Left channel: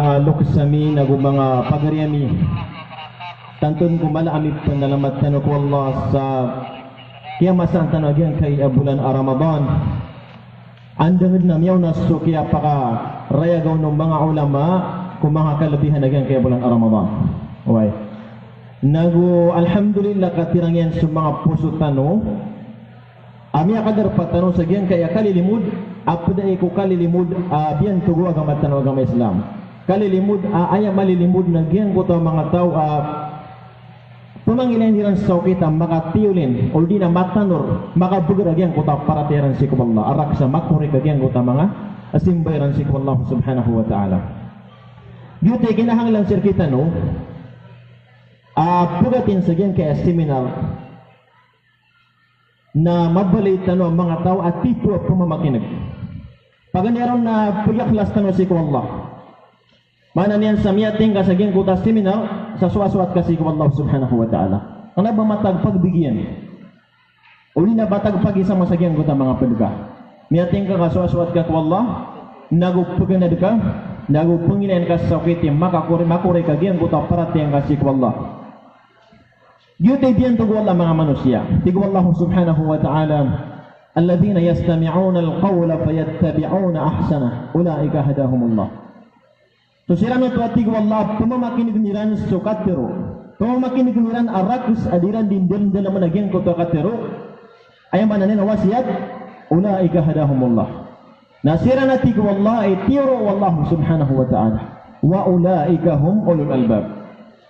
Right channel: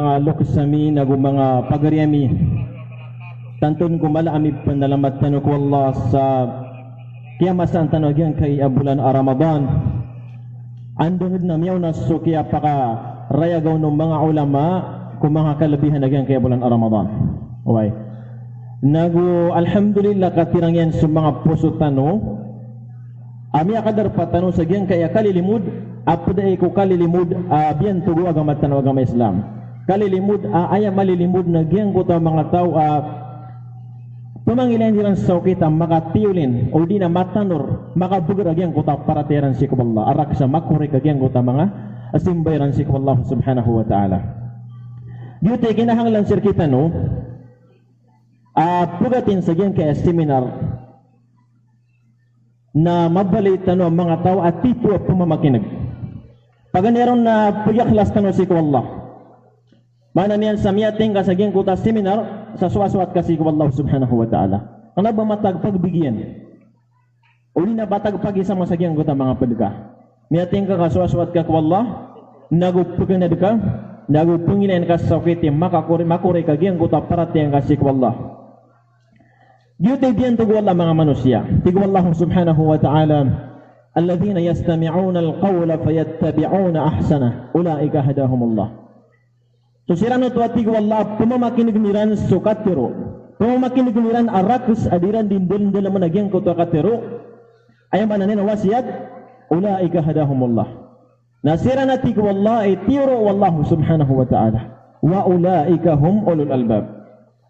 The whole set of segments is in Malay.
Luksami na mga pagariami tantun kumala ami panalamat tanok wallah sa kiyamasan tanagyan kay bulan Ramadan andangid na miyaw na sukiya paka rayagaw ng mga ulama kung mga kalabihan nagyan kay bulan Ramadan. Okay. Alhamdulillah katirang yan sa mga puso tano ami akadar patano sa gyan kaya kalilimud apda ko kalilimud biyan tugo agamat tano agama Islam kalilimud aya malilimud na gyan ko ta mga tao pumangilan diran sa kita makatiulin o di na matanor makabugar agyan ko ta parateran si Allah arak sa makurik agyan ko ta mga asimbayran si Allah subhanahu wa ta'ala. Dito ay kinahanglan sir kita no pugatin sa gyan kaya seminar na mabalitan ang mga tao at tipo at pumamakinig. Pag meron na puyaklas ka no si Allah mana niyan sa miyating kasaging kuta seminar sa suwaswat kasi ko Allah subhanahu wa ta'ala ang nabamatag pagbigyan uli na batag pag-isa masagyan kuta mga pedga miyating ka kasuwaswat ka ko Allah nagupugin na ka nagupungin ka sa sakit makakuri kagyan kuta parating kasi ko Allah Yute diyan tugo Allah mga manusia tugo Allah subhanahu wa ta'ala alladhina yastami'una al-qawla fayattabi'una ahsana ulaika hadahumullah. So siram ito at tigo Allah pumamakinig niran sukatero pumamakinig niran arakus adiran dindin dalam managyan ko to katero ay mananin wasiat ulaika hadahumullah. Nasira na tigo Allah ay tiro wallah subhanahu wa ta'ala wa ulaika hum ulul albab.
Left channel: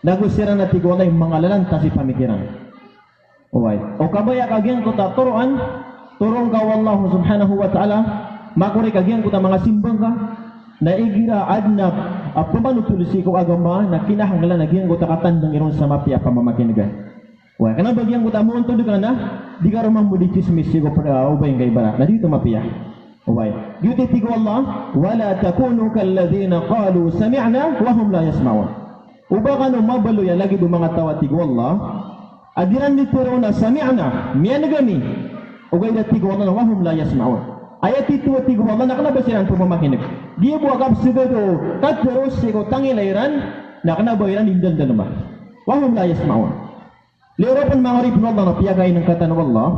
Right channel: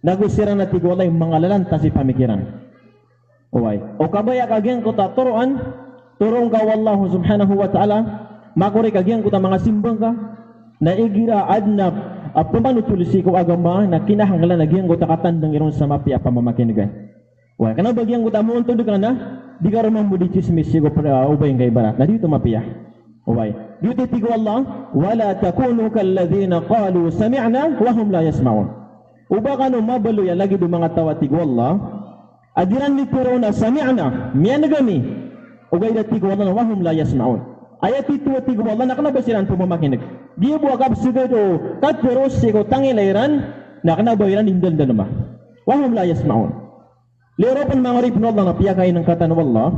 Nagusira na tigo Allah yung mga lalanta si pamikiran. O kabaya kagyan ko ta turuan turong ka wallah subhanahu wa ta'ala makuri kagyan ko ta mga simbang ka na igira adna pamanutulisi ko agama na kinahanglan nagyan ko takatandang iron sa mapia pamamakinig. Wa kana bagyan ko tamo unto kana di ka romang budi chismis ko para ubay ngay barat na dito mapia. Ubay. Dito tigo Allah wala takunu kalladhina qalu sami'na wa hum la yasma'un. Uba kanu mabalo ya lagi do mga tawa tigo Allah adiran ni turo na sami'na miyan gami. Ubay da tigo Allah wa hum la yasma'un. Ayat itu tigo Allah nakana basiran pamamakinig. Dia buat sebedo kat terus sego tangilairan nak na bayaran indal dalma wahum la yasma'un lirapan ma'arif Allah na piyakay ng kata ng Allah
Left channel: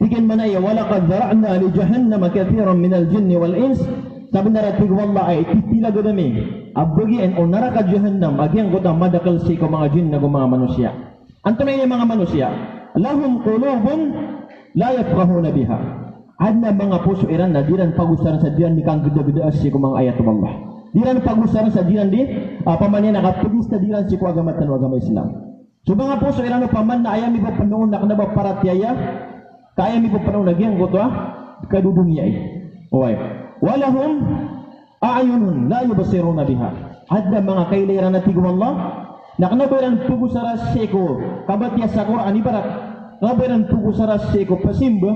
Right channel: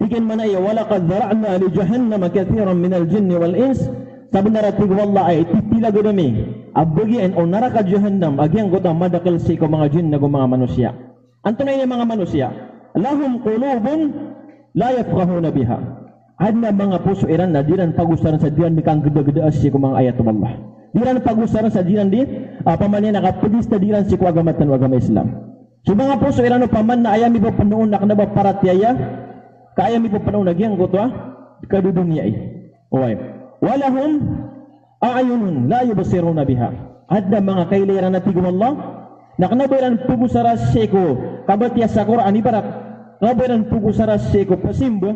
tigan manaya walaqad zara'na li jahannam kathiran min al-jinn wal ins sabi naratig Allah ay titila godami abbagian o naraka jahannam agyang gota madakal si ko mga jinn na mga manusia antunay ni mga manusia lahum qulubun la yafqahuna biha adna mga puso iran na diran pagusaran sa diran di kang geda-geda si ko mga ayat Allah. Diran pagusaran sa diran di pamanyan nakapudis na diran si ko agamatan o agama Islam. So mga puso iran no paman na ayami po panuon na kanaba paratyaya kaya mi po panuon nagyang ko to kadudunya ay. Oy. Walahum a'yunun la yubsiruna biha. Adna mga kailiran na tigum Allah na kanabaran pugusara si ko kabatya sa Quran ibarat kabaran pugusara si ko pasimbo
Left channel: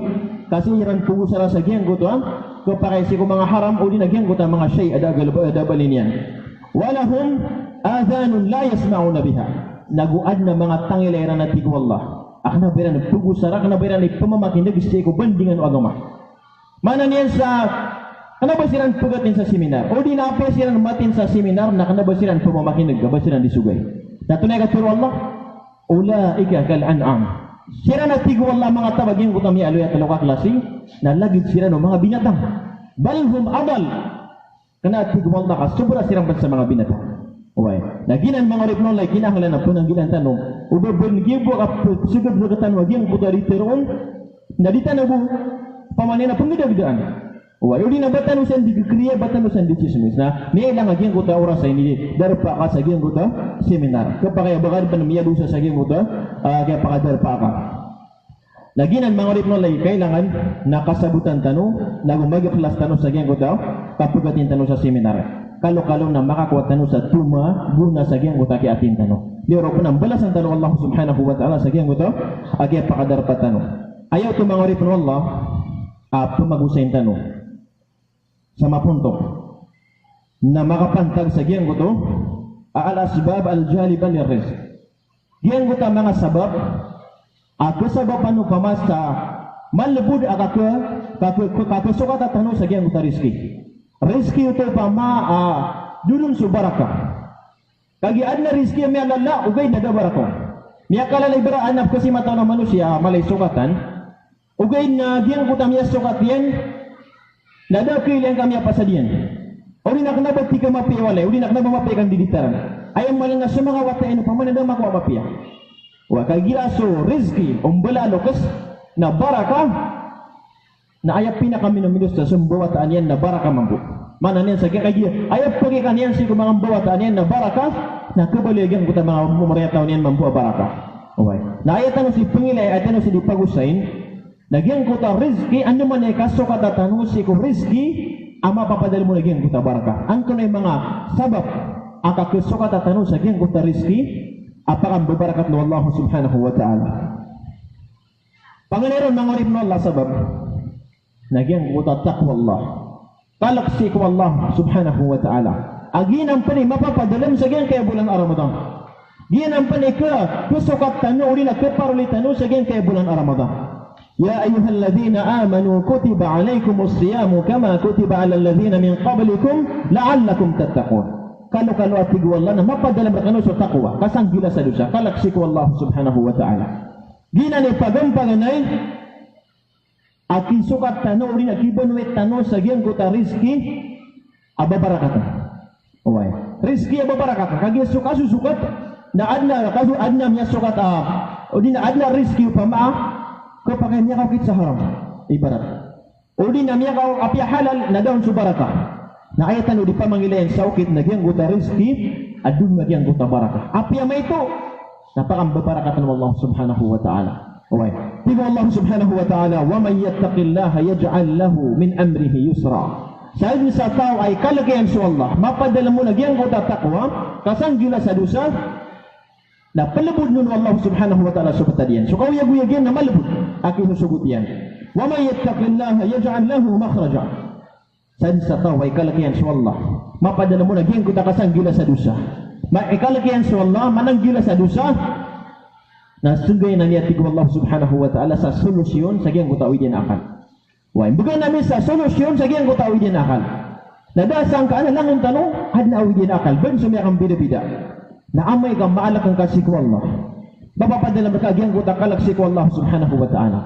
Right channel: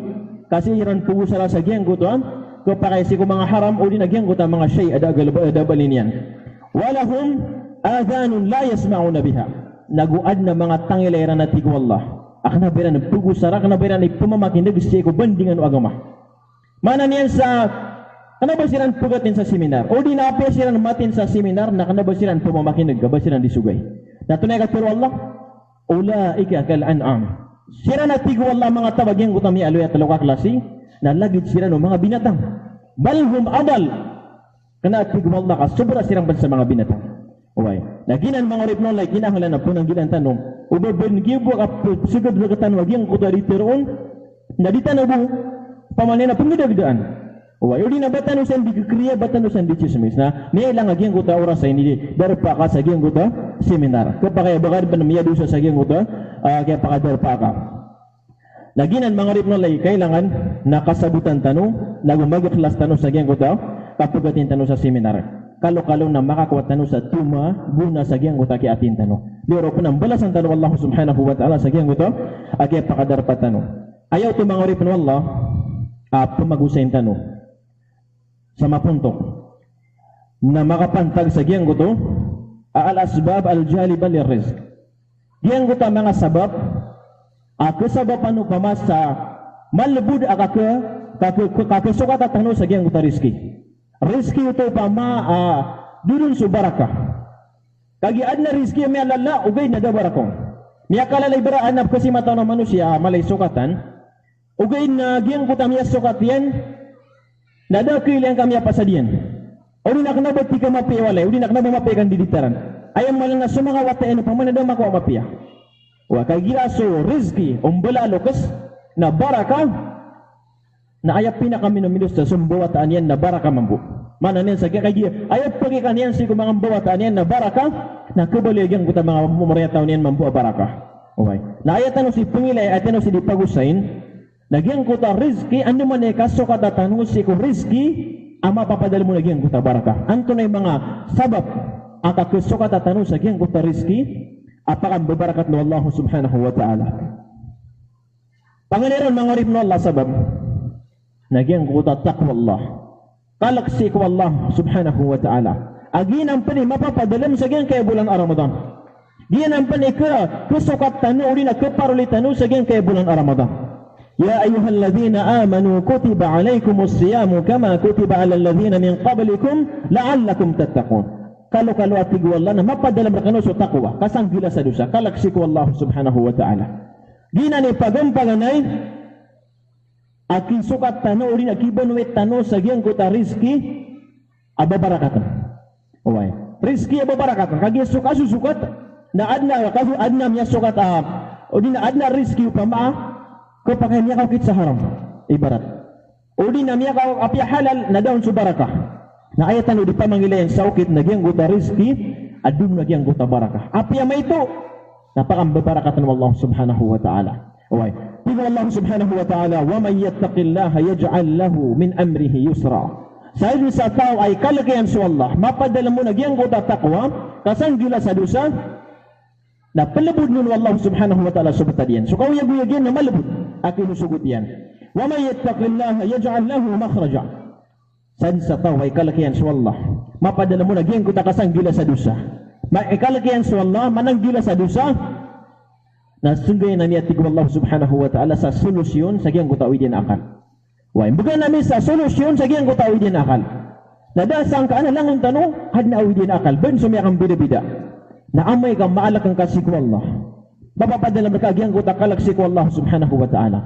kasi iran pugo sa gyang gutan ko pakay si ko mga haram o di nagyang gutan mga shay ada balinian walahum adhanun la yasma'una biha naguad na mga tangilera na tigo Allah akna beran pugo sara akna beran pamamakinig si ko bandingan o agama mana niyan sa kana ba siran pugatin sa seminar o di na pa siran matin sa seminar na kana ba siran pamamakinig ba siran disugay natunay ka turo Allah ulaika kal an'am. Sira na tigo Allah mga tabagyang gutami aloy at talaga klase na lagid sira no mga binatang balhum adal kana tigo Allah ka sobra sirang sa mga binatang okay naginan mga ripnon lay kinahanglan na punang ginan tanong ubo ben gibo ka sugab na katan wagyang gutari teron nadita na bu pamanena pangidagdaan okay udi na batan usan di kriya batan usan di chismis na niya lang agyang guta oras ay ni darpa ka sa agyang guta seminar kapag kaya bakit panamiya doon sa agyang guta kaya pakadarpa ka. Laginan mga ripno lay kailangan nakasagutan tanong, nagumagaklas tanong sa agyang guta, kapag atin tanong sa seminar. Kalo-kalo na makakuha tanong sa tuma, guna sa agyang guta kaya atin tanong. Liro po ng balas ang tanong Allah subhanahu wa ta'ala sa agyang guta, kaya pakadarpa tanong. Ayaw ito mga ripno Allah, pumagusay ang tanong. Sa mapunto, na makapantag sa agyang guto, al-asbab al-jaliba lirizq. Diyan ko mga sabab sabab ano pamasa malbud kakasukat at ano sa diyan ko rizki ito pa dudun su barakah. Kagi adna rizki mi alalla ugay na da barakah. Miya kalalay bara anap kasi mataw ng manusia malay sukatan. Ugay na giyang kutam ya sukat yan. Nada kailan kami pasadian. Uli nak na bati ka mapiwalay, uli nak na mapikan diditaran. Ayam malang na sumaga watain paman na makuha mapia. Wa kagi aso rizki umbala lokas na barakah na ayap pina kami nominus sa sumbawataan yan na barakah mampu. Mana niyan sa kagi ayap pagi kaniyan si kumang bawataan yan na barakah na kabaligyan ko ta mga mumariyataw niyan mampu barakah. Okay. Na ayatan si pangilay ayatan si dipagusain nagyang ko ta rizki ano man ay kasukat at si ko rizki ama papadal mo nagyang ko ta barakah. Anto na mga sabab ang kasukat at sa nagyang ko ta rizki apakang babarakat ng Allah subhanahu wa ta'ala. Panganiran mga rib na Allah sabab nagyang ko ta taqwa Allah. Kalaksi ko Allah subhanahu wa ta'ala. Aginang pani mapapadalam sa gyan kaya bulan Ramadan. Ginang pani ka kusukat tanu uli na keparuli tanu sa gyan kaya bulan Ramadan. Ya ayyuhalladhina amanu kutiba alaykumus siyamu kama kutiba alal ladhina min qablikum la'allakum tattaqun. Kalau atig wallah na mapadalam na kanu sa taqwa kasang gila sa dosa. Kalaksi ko Allah subhanahu wa ta'ala. Ginang ipagampaganay aki sukat tanu uli na kibanwet tanu sa gyan kuta rizki ababarakatan. Uway. Rizki ababarakatan. Kagi sukat na adna miya sukat uli na adna rizki upama kapag niya kawkit sa haram. Ibarat. Uli na miya kaw api halal na daon sa barakah. Na ayatan uli pa mangila yung saukit na gyan kuta rizki adun na gyan kuta barakah. Api may ito napakang babarakatan ng Allah subhanahu wa ta'ala. Uway. Tigo Allah subhanahu wa ta'ala, وَمَنْ يَتَّقِ اللَّهَ يَجْعَلْ لَهُ مِنْ أَمْرِهِ يُسْرًا. Sa ibig sa tao ay kalagayan sa Allah, mapadala mo na giyang ko tatakwa, kasang gila sa dusa, na palabod nun Allah subhanahu wa ta'ala subata diyan. So kawiyag-wiyag yan na malabod, akin usugot yan. وَمَنْ يَتَّقِ اللَّهَ يَجْعَلْ لَهُ مَخْرَجًا. Sa ibig sa tao ay kalagayan sa Allah, mapadala mo na giyang ko takasang gila sa dusa. Kalagayan sa Allah, manang gila sa dusa, na sungguh na niya tigwa Allah subhanahu wa ta'ala sa solusyon sa giyang kutawi din akal. Why? Bukan namin sa solusyon sa giyang kutawi din akal. Nadasang ka na lang ang tanong, had na awi din akal. Ben sumya kang bida-bida. Na amay kang maalak ang kasikwa Allah. Bapapadala ka giyang kutakalak sikwa Allah subhanahu wa ta'ala.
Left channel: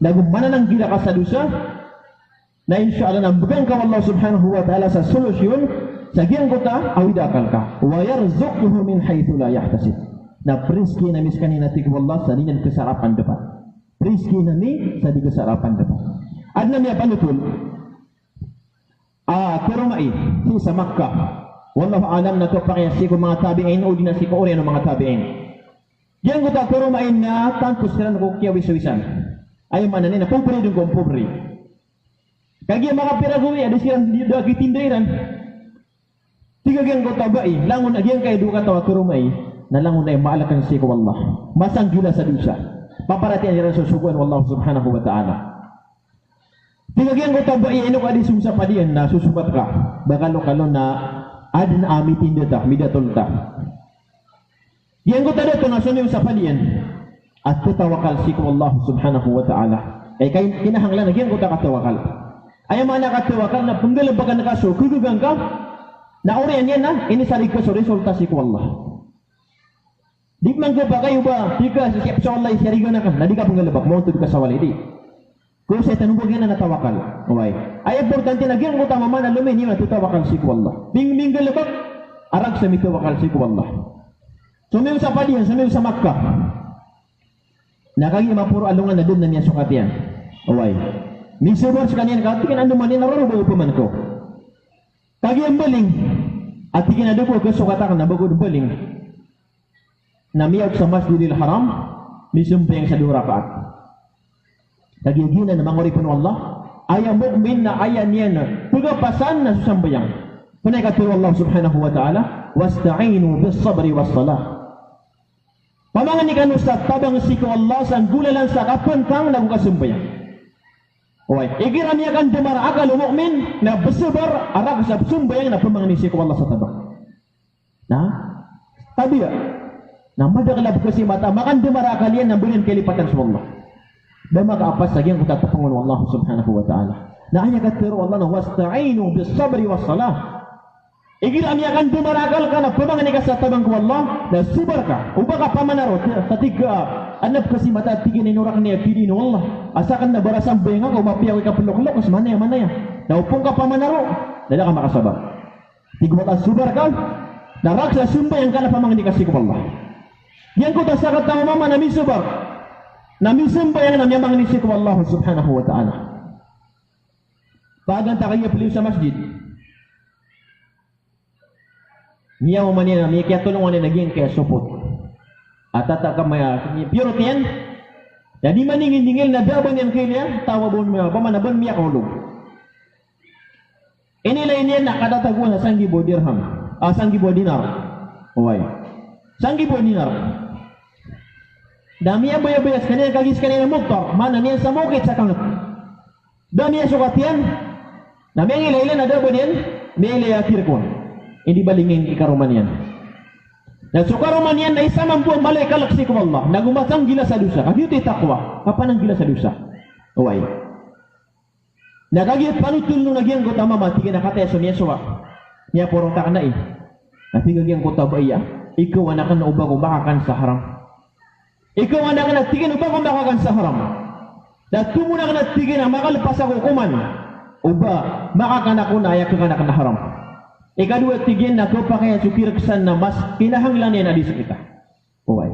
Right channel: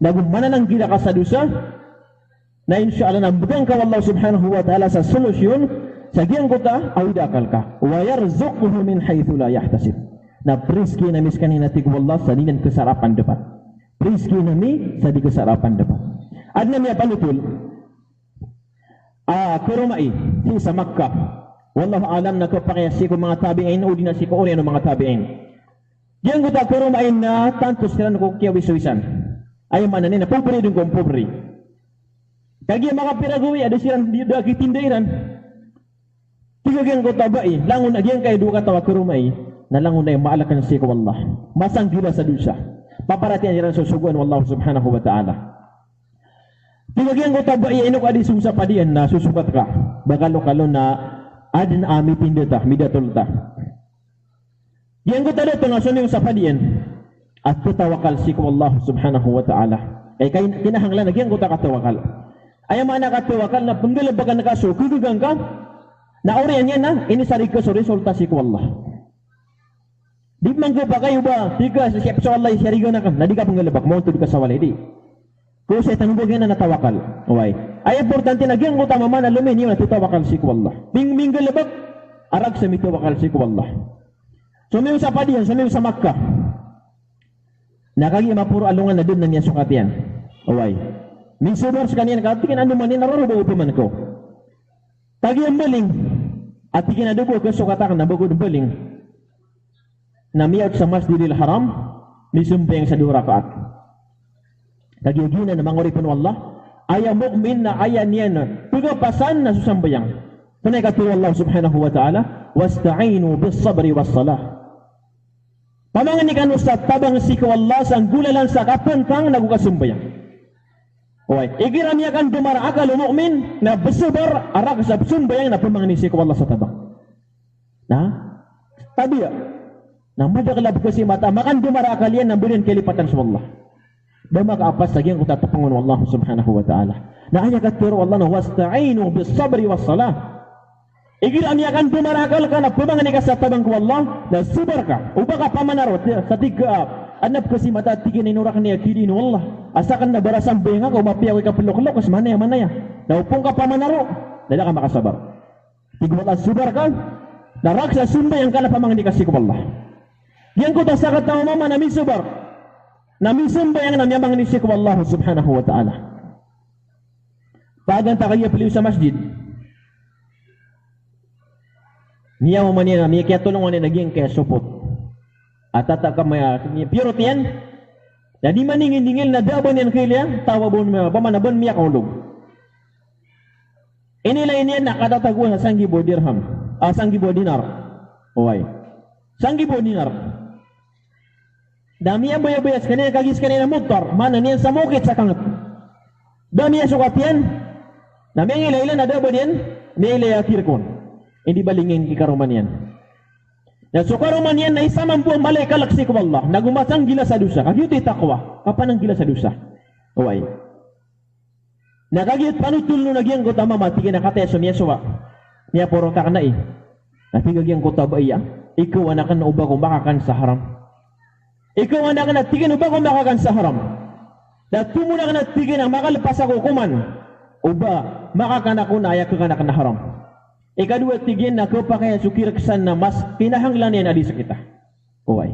Nagumana ng gila ka sa dusa, na insyaallah na bukan ka Allah subhanahu wa ta'ala sa solusyon sa giyang kuta, awi da akal ka. Wa yarzuquhu min haythu la yahtasib. Na rizki na miskan hinatig wallah sa dinan kesarapan depan. Rizki na mi sa di kesarapan depan. Adna miya panutul. Kurumai sa Makkah. Wallahu alam na to pakayasi ko mga tabi'in o dinasi ko ori ng mga tabi'in. Diyan ko ta kurumai na tantos sila ko kiyawisawisan. Ay manan na pobre dun kong pobre. Kagi mga piragumi ada silang dagi tindairan. Tiga gyang ko tabai langon agyan kay duka tawa kurumai. Nalangon na yung maalakan siya ko Allah. Masang gila sa dusa. Paparatian niya rin sa suguan ng Allah subhanahu wa ta'ala. Tingagyan ko ito ba iinok adi sumsa padian na susukat ka. Bakalo-kalo na adin ami pindata, midatol ta. Yan ko ito dito na sunyo sa padian. At kutawakal siya ko Allah subhanahu wa ta'ala. Ay kinahanglan na yan ko ito katawakal. Ay mga nakatawakal na punggalabagan na kaso, kugugang ka, na oriyan yan na, inisarig ka sa resulta siya ko Allah. Di man ka ba kayo ba? Tika sa siya Allah isarigo na ka. Na di ka pangalabak mo ito ka sa walay di. Kung sa tanubog yan na natawakal. Okay. Ay importante na gyan mo tama man alumin yun na tutawakal si ko Allah. Bing galabak. Arag sa mitawakal si ko Allah. Sumiyo sa padiyan. Sumiyo sa Makkah. Nakagi mapuro alungan na doon na niya sukat yan. Okay. Minsubor sa kanyan ka. Tikin ano man yan. Naroon ba man ko. Tagi ang baling. At tikin na doon ko. Kasukatakan na bago ng baling. Namiyag sa Masjidil Haram, misumpeng sa 2 rakaat. Nagyaginan na manguripon ng Allah, ayaw mu'min na ayaw niya na pagapasan na susambayang. Punay katulong Allah subhanahu wa ta'ala, wasta'inu bis sabri was salah. Pamangan ni kanu sa tabang sikaw Allah, sa gula lang sa kapantang nagukasumbayang. Okay, igiram niya kan dumara akal mu'min na besabar arag sa sumbayang na pamangan ni sikaw Allah sa tabang. Na? Tabi ya. Namadaglalab kasi mata, makan dumara kalian na bilin kelipatan sa Allah. Dan maka apa saja yang kita tapangon Allah subhanahu wa ta'ala. Na aya katuro Allah na wasta'inu bis sabri was salah. Igil ami akan dumarakal kana pamangani ka sa tabang ko Allah na subar ka uba ka pamanarot sa tiga anap kasi mata tigin inurak niya kiri no Allah asakan na barasang benga ko mapiyaw ka pelok-lok kas mana ya na upong ka pamanaro dala ka makasabar tigmat subar ka na raksa sumba yang kana pamangani kasi ko Allah yang ko tasakat ta mama na misubar na misumba yang namya mangani si ko Allah subhanahu wa ta'ala pagan ta kaya piliw sa masjid niya mo manina mi kaya tulong mo naging kaya support at ka maya pure tiyan jadi maningin-dingil na daban yan kaya tawa bon mo pamanabon miya kaulog inila iniyan nakadatago na 1,000 dirham 1,000 dinar oy 1,000 dinar dami yan bayas kanina kagis kanina motor mana niyan sa mukit sa kanot dami yan sukat yan dami yan ila na daban yan may ila yakir ko hindi balingin ikaruman yan. Na sukaruman yan na isa man po ang balay kalaksi ko Allah. Nagumatang gila sa dusa. Kagyo ti takwa. Kapan ang gila sa dusa? Uway. Nagagit panutul no nagyang ko tama mati kinakateso niya suwa. Niya porong tak na eh. Natigagyan ko tabaya. Ikaw anak na ubang umakakan sa haram. Ikaw anak na tigin ubang umakakan sa haram. Datu mo na ka tigin na makalpas ako kuman. Uba makakan ako na ayak ka na haram. Ikadua tigin na ko pa kaya sukirksan na mas pinahanglan yan adi sa kita. Uway.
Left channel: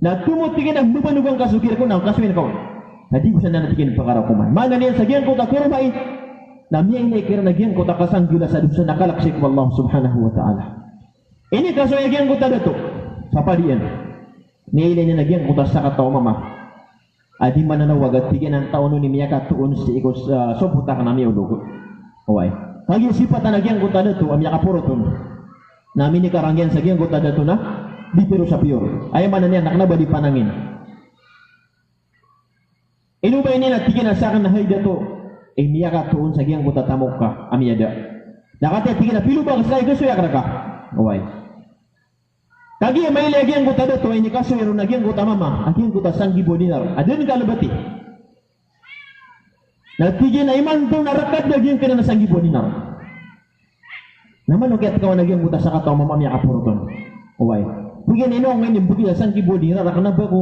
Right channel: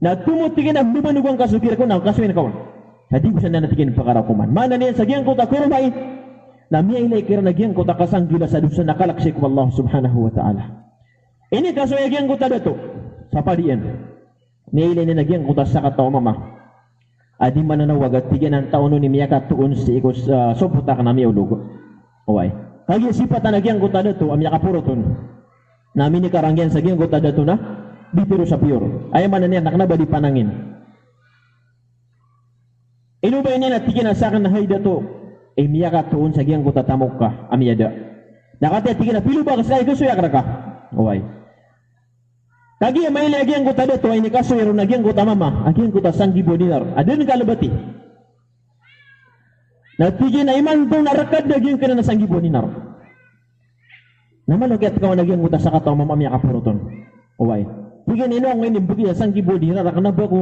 Na tumutigin ang bumanugang kasukir ko na kasuin ko. Hindi bisa na natigin pakarakuman. Mana niyan sa giyan ko ta kurumay. Na miya ilay kira na giyan ko ta kasanggila sa dusa nakalaksik wa Allah subhanahu wa ta'ala. Ini kasuya giyan ko ta dato. Sa padiyan. Niya ilay na nagyan ko ta sa kataw mama. Adi mananawag at tigin ang taon ni miya katuon si ikos soputa ka na miya ulugo. Uway. Kagi sifatan nagyan ko tada to amya kapuroton. Namin ni karangyan sa gyang ko tada to na bipiro sa pior. Ay man niya naknaba di panangin. Inubay ni natigin na sa akin na hayda to. Eh miya ka tuon sa gyang ko tatamok ka amyada. Nakate tigin na pilo ba kasi gusto ya ka. Oy. Kagi may lagyan ko tada to ay ni kaso yero nagyan ko tamama. Agyan ko ta 1,000 dinar. Adun kalabati. Natigin na iman itong narakad na gyang ka na 1,000 dinar. Naman lakiat ka nagyang buta sa kataw mamamaya kapuroton. Uway. Tigin ino ang ngayon buti na 1,000 dinar. Raka na ba ko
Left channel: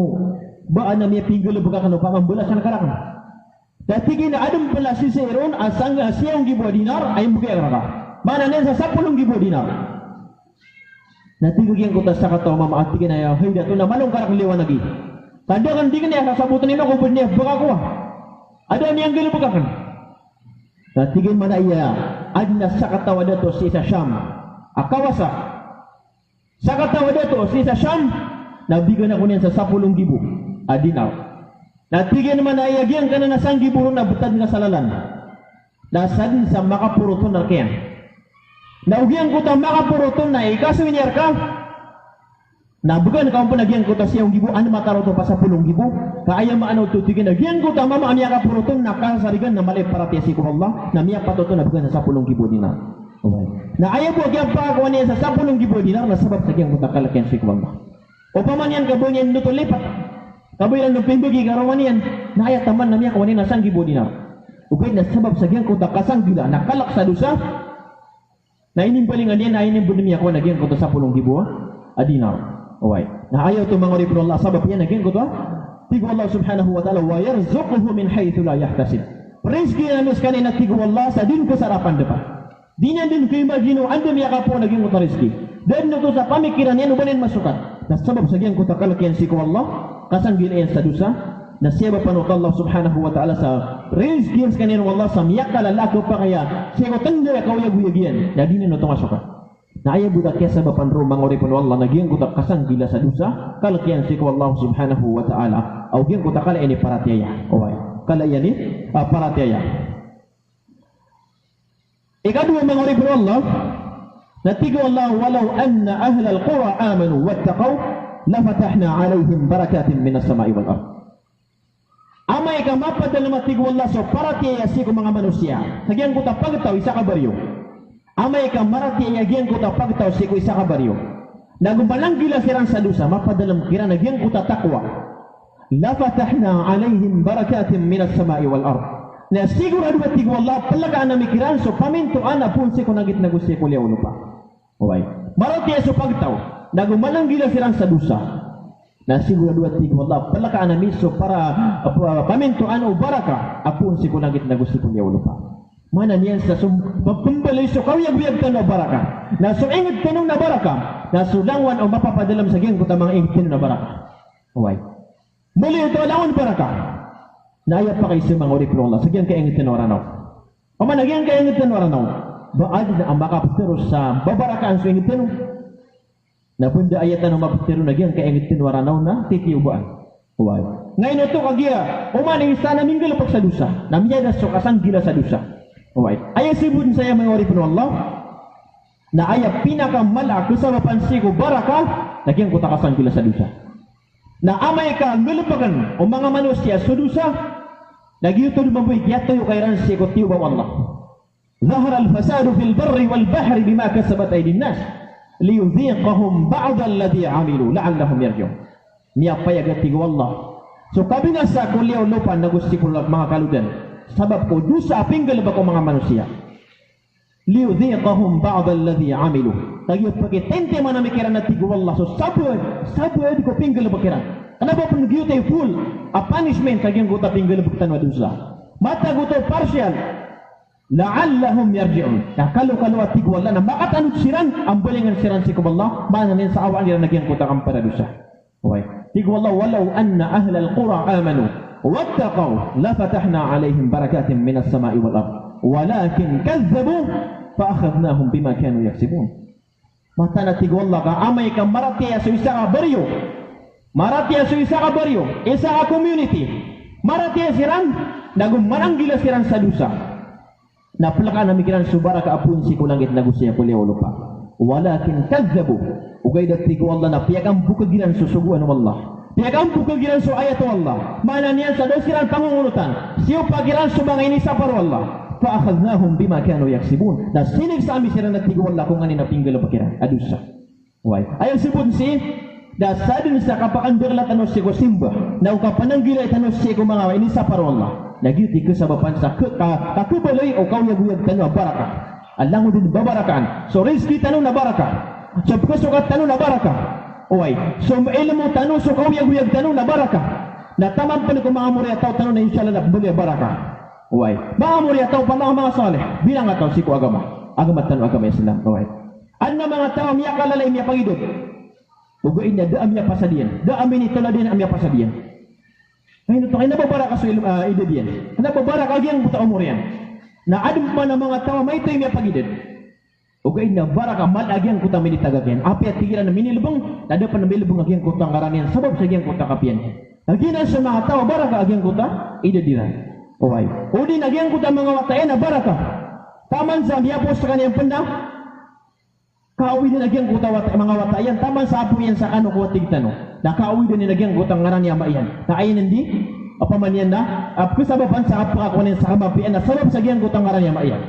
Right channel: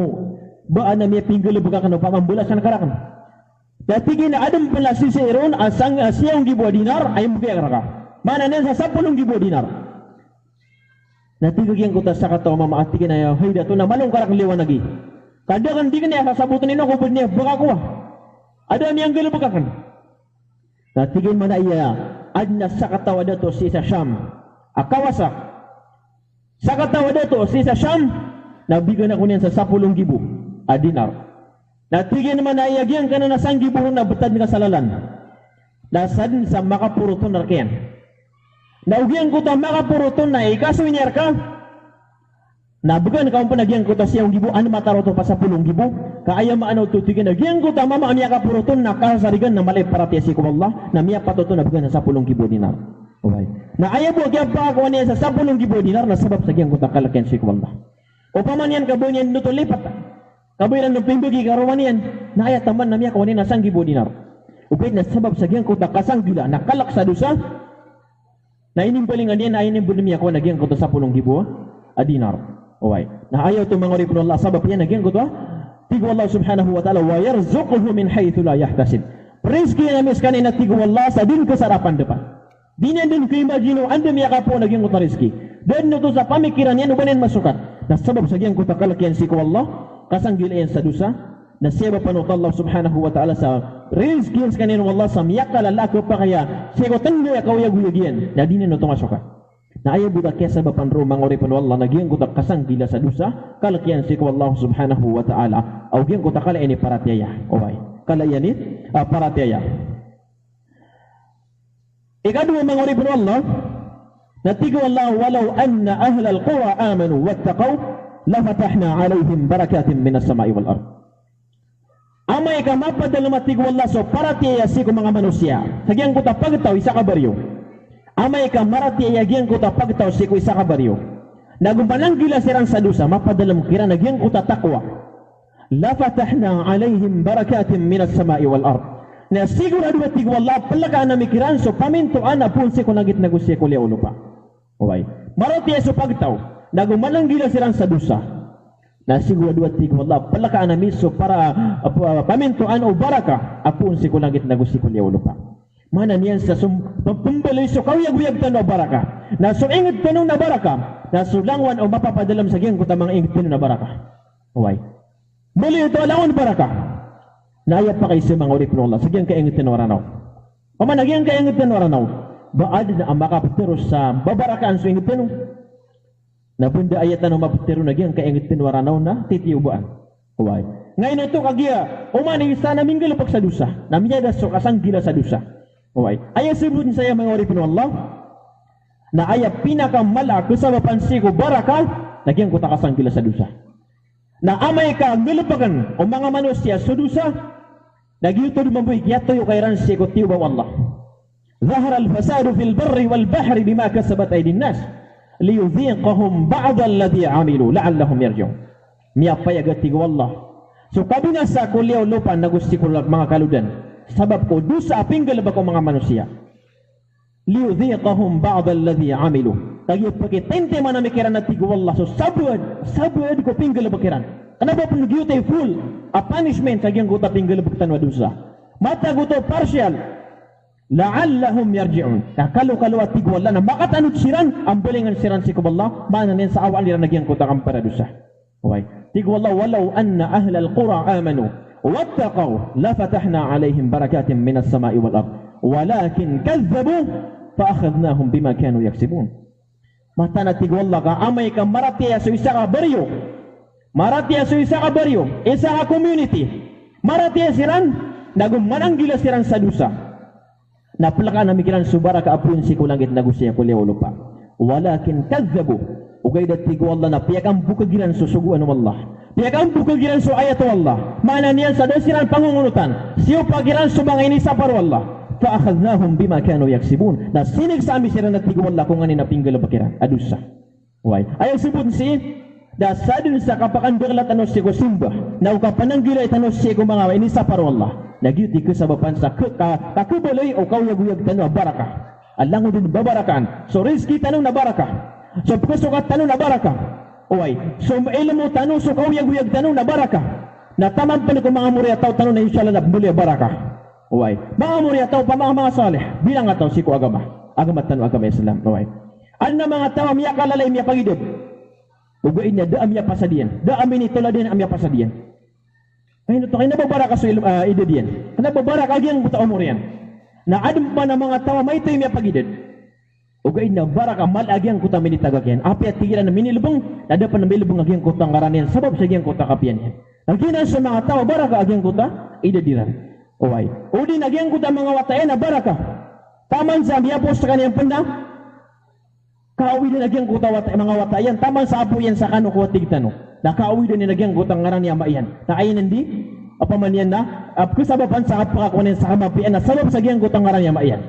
baan na niya pinggol buka ka na pamambulas na nakarakan. Natigin na adam pala si Seron asang 1,000 dinar ay buki ang raka. Mana niyan sa 10,000 dinar. Natigin ko ta sa kataw mama at tigin na hay dato na malong karak liwan lagi. Kadang tigin niya kasabutan nila kung niya buka ko. Ada niyang gilubukakan. Natigin man iya adna sa katawa dato si sa Syam. Akawasa. Sa katawa dato si sa Syam nabigyan ako niyan sa 10,000 dinar. Natigin man iya gyang kana na 1,000 na betad nga salalan. Dasan sa makapuruton na kyan. Naugyan ko ta makapuruton na ikasuin niya ka. Nabugan ka po nagyang ko ta siyang gibo ano mataro to pa sa 10,000 kaaya maanaw tutigin nagyang ko ta mama amiya ka puruton na kasarigan na mali para tiasi ko Allah na miya patuto na bugan sa 10,000 dinar. Okay. Na ayaw po gyang pa ako niya sa 10,000 dinar na sabab sa gyang ko ta kalakyan si ko Allah. O paman yan kabo niyan nutulipat. Kaboy lang nagpindugi karawan yan na ayat taman na miya kawanin na 1,000 dinar. Upay na sabab sa gyang ko ta kasanggila na kalak sa dusa na inimbalingan niya na inimbun niya ko nagyang ko ta sa 10,000 dinar. Oy, na ayaw to mga ripon Allah sabab yan nagyan ko to. Tigo Allah subhanahu wa ta'ala wa yarzuquhu min haythu la yahtasib. Rizki na miskan ina tigo Allah sa din kasarapan dapat. Di na din ko imagino andam ya ka po nagyan ko ta rizki. Dan no to sa pamikiran yan ubanin masukat. Na sabab sa gyang ko ta kalakyan si ko Allah kasanggil yan sa dusa na siya ba panot Allah subhanahu wa ta'ala sa rizki yan kanin Allah sa miyakal alako pa kaya siya ko tanda ya kawiyag-wiyag na di na no to masukat. Na ayaw budak kaya sa bapanro mangori pun Allah nagyang kutak kasang gila sa dusa kalakyan si ko Allah subhanahu wa ta'ala au gyang kutak kala ini paratyaya oy kala yani paratyaya ikadua mangori pun Allah natigo Allah walau anna ahlal qura amanu wattaqaw lafatahna alaihim barakatin minas sama'i wal ard amay ka mapadal matigo Allah so paratyaya si ko mga manusia nagyang kutak pagtaw isa ka baryo amay ka marati ayagyan ko ta pagtaw si ko isa ka baryo. Nagubalang gila siran sa dusa, mapadalam kira nagyan ko ta takwa. Lafatahna alaihim barakatin minas sama'i wal ard. Na sigurado at tigwa Allah palagaan na mikiran so pamintuan na pun si ko nagit nagusya ko liya pa. Uway. Marati sa pagtaw, nagumalanggila silang sa dusa. Na siguro 2-3 wallah palakaan na miso para pamintuan o baraka apun si kunagit na gusto ko niya lupa. Mana niyan sa pagpumbalay so kawiyag-wiyag tanong baraka. Na so ingit tanong na baraka, na sulangwan o mapapadalam sa giyang kuta mga ingit tanong na baraka. Uway. Muli ito alawan baraka. Naayap pa kayo sa mga urip ng Allah. Sa giyang kaingit tanong ranaw. Pamanagyan kaingit tanong ranaw. Baad na ang makapatero sa babarakaan sa ingit tanong. Nabunda ayat na mapatero na giyang kaingit tanong ranaw na titiyubaan. Uway. Ngayon ito kagiya, umani isa na minggil pag sa dusa. Namiyada so kasang gila sa dusa. Uway. Ayaw sibun saya mga urip ng Allah. Na ayaw pinakamala kasabapan sigo baraka, nagyang kuta kasang gila sa dusa. Na amay ka ngulupagan o mga manusia sa dusa, nagyuto lumaboy kiyato yung kairan sigo tiyo ba Allah. Zahar al-fasadu fil barri wal bahri bima kasabat ay dinnas, liyudhiqahum ba'da alladhi amilu la'allahum yarji'un. Miyapayag tigo Allah. So kabi nga sa kuliyaw lupa na gusti ko mga kaludan, sabab ko dusa apinggal ba ko mga manusia. Liyudhiqahum ba'da alladhi amilu. Tayo pagitente mo na mikiran na tigo Allah. So sabuad ko pinggal ba kiran. Ano ba pinagyo tayo full a punishment sa giyang guta pinggal ba kitan wadusa. Mata guto partial. La'allahum yarji'un. Kakalo-kalo at tigo Allah na makatanot siran ang balingan siran si Allah. Mana niyan sa awaan nila nagyang guta kang paradusa. Okay. Tigo Allah walau anna ahlal qura amanu wattaqaw lafatahna alaihim barakatin minas sama'i wal ard. Walakin kazzabu fa'akhadnahum bima kanu yaksibun. Mata na tigo Allah ka amay ka maratiya sa isa ka baryo. Maratiya sa isa ka baryo, isa ka community. Maratiya siran, nagumananggila siran sa dusa. Napalaka na mikiran subara ka apun si kulangit na gusto niya kuliyaw lupa. Walakin kazzabu. Ugay dat tigo Allah na piyagang bukagiran susuguan ng Allah. Piyagang bukagiran so ayat Allah. Mana niyan sa dasiran pangungunutan. Siyo pagiran so mga inisa paro Allah. Fa'akhadnahum bima kanu yaksibun. Na sinig sa amin sila na tigo Allah kung ano napinggal bakiran. Adusa. Why? Ayaw sibun si da sadin sa kapakan berlat ano si ko simba. Na ukapananggila itano si ko mga inisa paro Allah. Nagyuti ko sa bapan sa kakubaloy o kawyag-uyag tanong baraka. Alang mo din babarakan. So rizki tanong na baraka. So pagkasukat tanong na baraka. Uway. So ilan mo tanong so kawyag-uyag tanong na baraka. Na tamang pa ni kung mga muriya tao tanong na inshallah na buli baraka. Uway. Mga muriya tao pa mga saleh. Bilang nga tao si ko agama. Agamat tanong agama Islam. Uway. Ano mga tao miya kalalay miya pagidod. Uguin niya daam miya pasadiyan. Daam minitula din ang miya pasadiyan. Ngayon ito, kayo nababara ka sa ida diyan. Nababara ka agyan buta umur yan. Na adum pa na mga tawa, may ito yung may pagidid. O kayo nabara ka, malagyan ko ta minitagagyan. Api at tigilan na minilubong, nada pa na minilubong agyan ko ta ngaranian, sabab sa agyan ko ta kapiyan. Agyan sa mga tawa, bara ka agyan ko ta, ida diran. O ay. O din agyan ko ta mga watayan na bara ka. Taman sa miyapos sa kanyang panda, kauwi din agyan ko ta mga watayan, taman sa apo yan sa ano ko tigtano. Nakauwi din nilagyan gutang ngaran niya maiyan. Na ayun hindi, apaman yan na, kasababan sa apakakunin sa kamapian na sabab sa giyang gutang ngaran niya maiyan.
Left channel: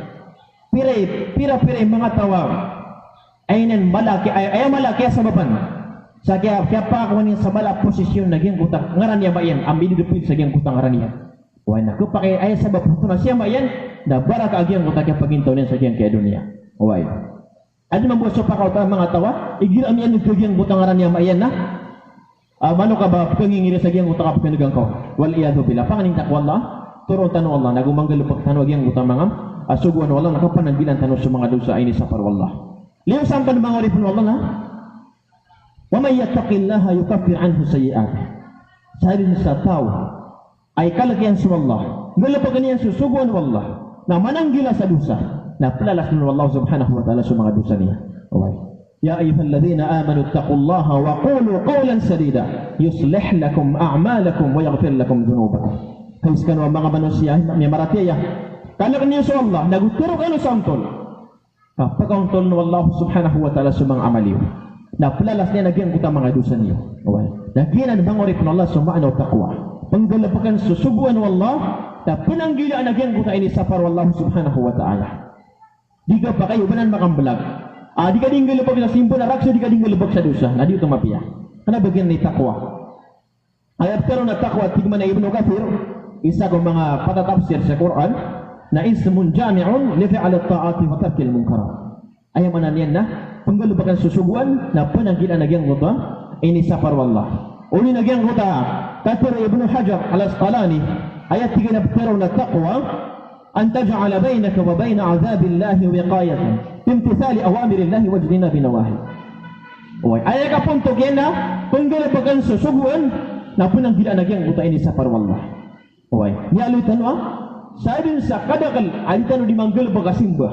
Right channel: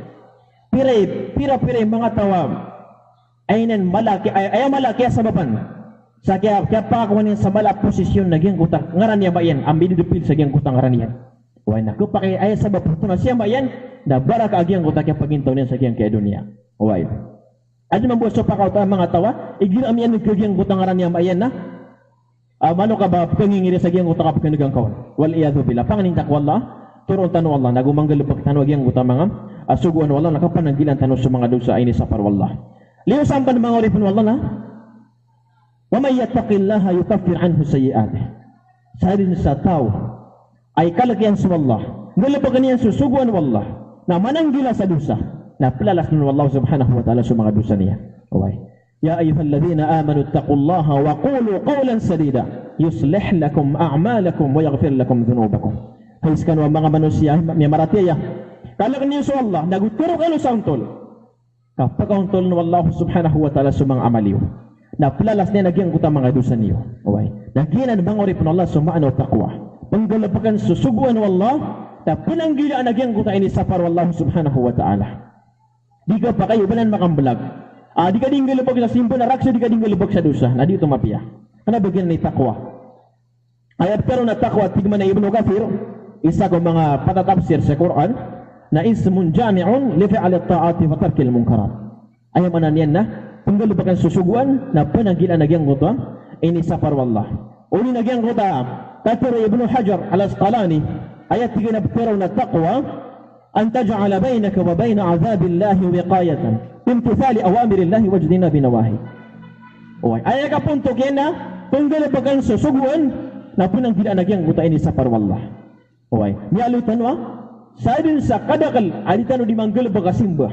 Pira mga tawag, ayun malaki, ayaw malaki sa baban. Sa kaya pakakunin sa malak posisyon na giyang gutang ngaran niya maiyan, ang binidupin sa giyang gutang ngaran niya. Huwag na, kupakay ayaw sa baban, kung siya maiyan, na barak agiyang gutang kaya pagintaw niya sa giyang kaya dunia. Huwag. At naman po sa pakautan mga tawa, igiram yan ng giyang gutang ngaran niya maiyan na, mano ka ba pangingiri sa giyang utak kapag ko? Wal iyadu billah. Panganing takwa Allah, turon tanong Allah, nagumanggal pag tanong giyang utang mga asuguan Allah, nakapananggilan tanong sa mga dosa ay ni sa parwa Allah. Liyo sampan mga ripon Allah na, wa may yattaqillaha yukaffir anhu sayyi'atih. Sarin sa tao, ay kalagyan sa Allah, nalapagan niyan susuguan Allah, na mananggila sa dosa, na palalas ng Allah subhanahu wa ta'ala sa mga dosa niya. Okay. يا أيها الذين آمنوا اتقوا الله وقولوا قولا سديدا يصلح لكم أعمالكم ويغفر لكم ذنوبكم. Kais kanwa mga manusia may maratiya. Kalak niyo sa Allah naguturo kayo sa untol. Kapag untol ng Allah subhanahu wa ta'ala sa mga amaliyo. Na palalas niya nagyang kuta mga dosa niyo. Okay. Nagyan bang ori pun Allah sumano taqwa. Panggalapakan susubuan ng Allah na pinanggilaan nagyang kuta ini sa par Allah subhanahu wa ta'ala. Di ka pa kayo banan makambalag. Di ka din galubag sa simbo na raksa, di ka din galubag sa dosa. Na dito mapiya. Ano bagyan na takwa? Ayat pero na takwa, tigman na Ibn Kathir, isa ko mga patatapsir sa Quran, na ismun jami'un li fi'al at-ta'ati wa tarkil munkarat. Ayaw manan yan na, penggelubakan susuguan na pananggilan nagyang kota ini sapar wallah. Uli nagyang kota tatira Ibnu Hajar al-Asqalani ayat 3 na taqwa an taj'ala bainaka wa bain 'adzabillahi wiqayatan bimtithali awamirillahi wajdina binawahi. Ayat ka punto kena penggelubakan susuguan na pananggilan nagyang kota ini sapar wallah. Ni alu tanwa sabin sa kadakal alitano di manggel bagasimba.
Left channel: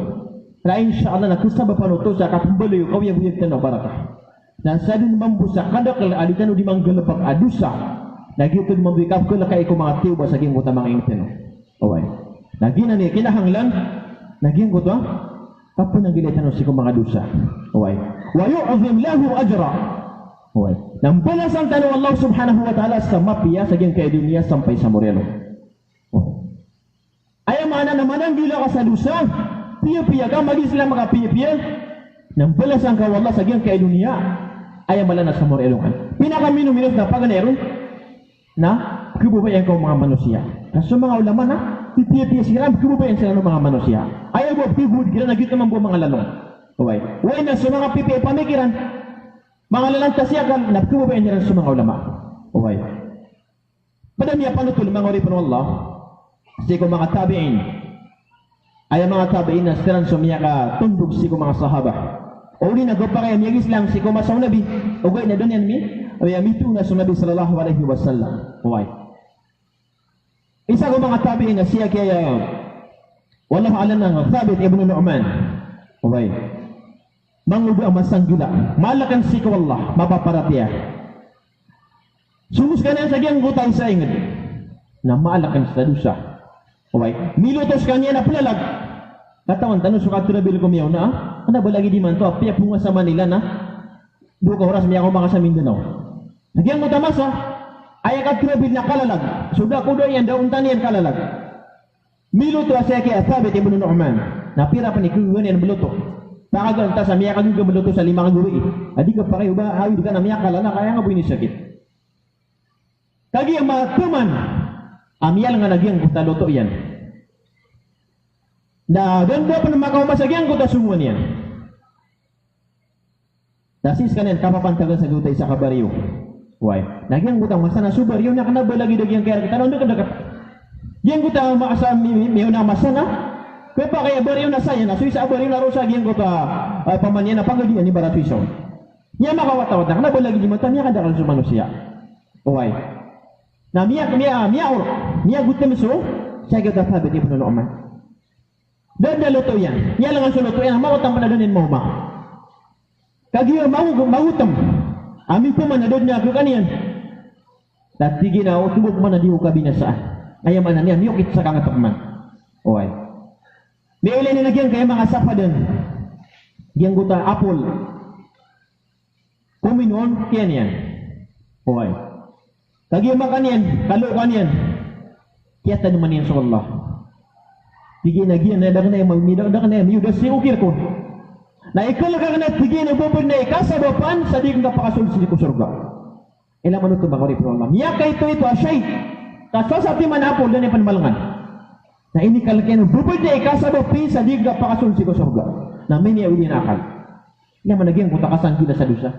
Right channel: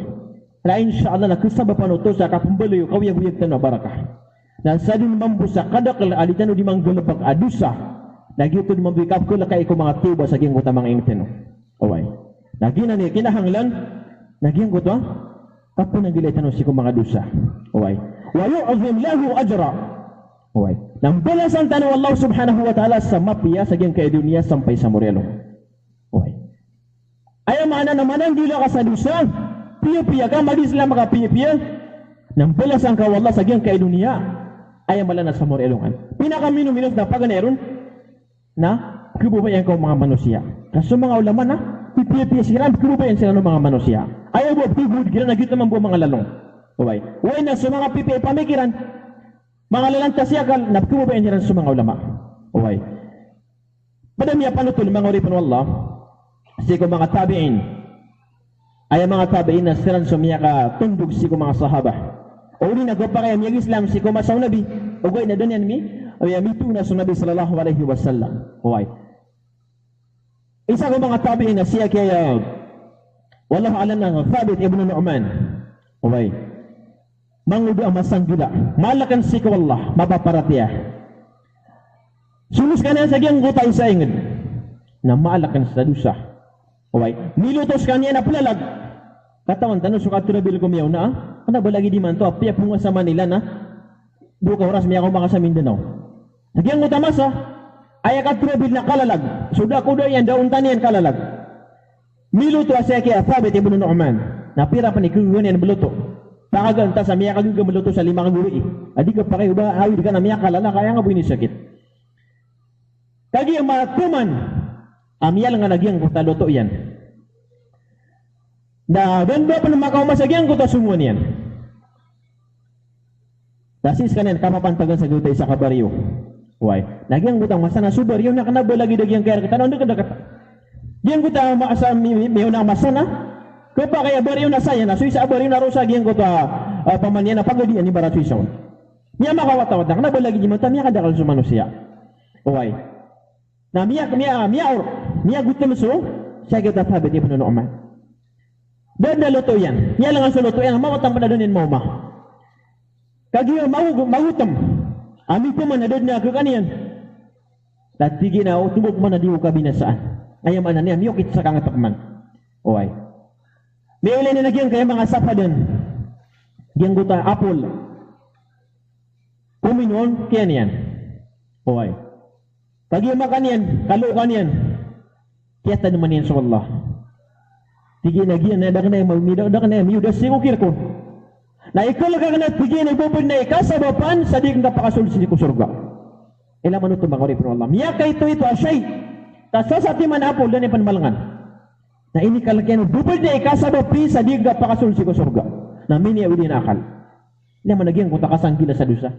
Na insyaallah na kusaba panuto sa kapembeli kau yang buyag tanwa barakah. Na sabin mambusa kadakal alitano di manggel bag adusa. Na gitu di mambikap ko kay ko mga tiba sa ging uta mga ingteno. Nagina ni kinahanglan naging ko to kapon nagilay tanwa si ko mga dusa. Wa yu'zim lahu ajra. Nang balasan tanwa Allah subhanahu wa ta'ala sa mapiya sa ging kay dunia sampai sa morelo. Ayaw mana naman ang gila ka sa dusa, piya-piya ka, mag-Islam ka piya-piya, nang balasan ka wallah sa giyang kay dunia, ayaw malana sa morelongan. Pinaka-minum-minus na paganeron, na kibubayan ka mga manusia. Kaso mga ulama na, piya-piya sila, kibubayan sila ng mga manusia. Ayaw mo, pigud, kira nagit naman po mga lalong. Huwag na sa mga piya pamikiran, mga lalang tasyakan, na kibubayan sila sa mga ulama. Padamiya panutul, mga oripon wallah, siko mga tabi'in ay mga tabi'in na silang sumiya ka tundog siko mga sahabah o uli nagpa kaya miyag Islam siko masaw nabi o gay na doon yan mi o yamitu na sa nabi sallallahu alaihi wasallam. Isa ko mga tabi'in na siya kaya wallahu alam ng Thabit ibn Nu'man mangudu ang masanggila malakan siko wallah mapaparatiya sulus ka na sa giyang gutay sa ingin na maalakan sa dusa. Nilutos kanya na pulalag. Katawan tanong sukat tirabil ko miyaw na ano ba lagi di man to? Piyak bunga sa Manila na 2 oras miya ko mga sa Mindanao. Nagyang mo tamasa ay akat tirabil na kalalag. Suda ko doon yan daon tanian kalalag. Niluto siya kaya Thabit ibn Nu'man. Napira pa ni Kungun yan beluto. Takagan ta sa miya kaguga beluto sa 5 guri. Adi ka pa kayo ba awid ka na miya kalala kaya nga buini sakit. Kagi ang mga tuman amiyal nga nagyang kuta loto yan. Na ganda pa na makaumasagyan kuta sumuan yan. Dasis kanyan kapapantagan sa gutay sa kabaryo. Nagyang kuta masana subaryo na kanaba lagi dagyang kaya kita nandun ka dakat. Gyang kuta maasa miyo na masana. Kaya pa kaya baryo na saya na suisa baryo na rosa gyang kuta pamanyan na pagadian ni barat suisaw. Niya makawat-awat na kanaba lagi di mata niya kadakal sa manusia. Na miya gutom so siya kita Thabit ibn Nu'man. Dan luto yan. Niya lang ang suluto yan. Mawatang panadanin mo ma. Kagiyo magutom. Amin po man nadod niya kaniyan. Tatigi na utubog man na di ko kabinasaan. Ayaw man na niya miyukit sa kangatakman. Niulay na nagyang kaya mga sapadan. Giyang guta apple. Kuminon kiyan yan. Pagi makan yan, kalukan yan. Kiyata naman yan sa Allah. Tigi na giyan na dakan na yung yudas si ukir ko. Na ikalaga ka na tigi na bubod na ikasabapan sa di kang napakasulsi ko surga. Ilang ano ito mga kori pro Allah. Miyaka ito asyay. Kaso sa timan apol doon yung panmalangan. Na inikalagyan bubod na ikasabapi sa di kang napakasulsi ko surga. Na minya uli na akal. Hindi naman nagyang kuta kasangkila sa dusa.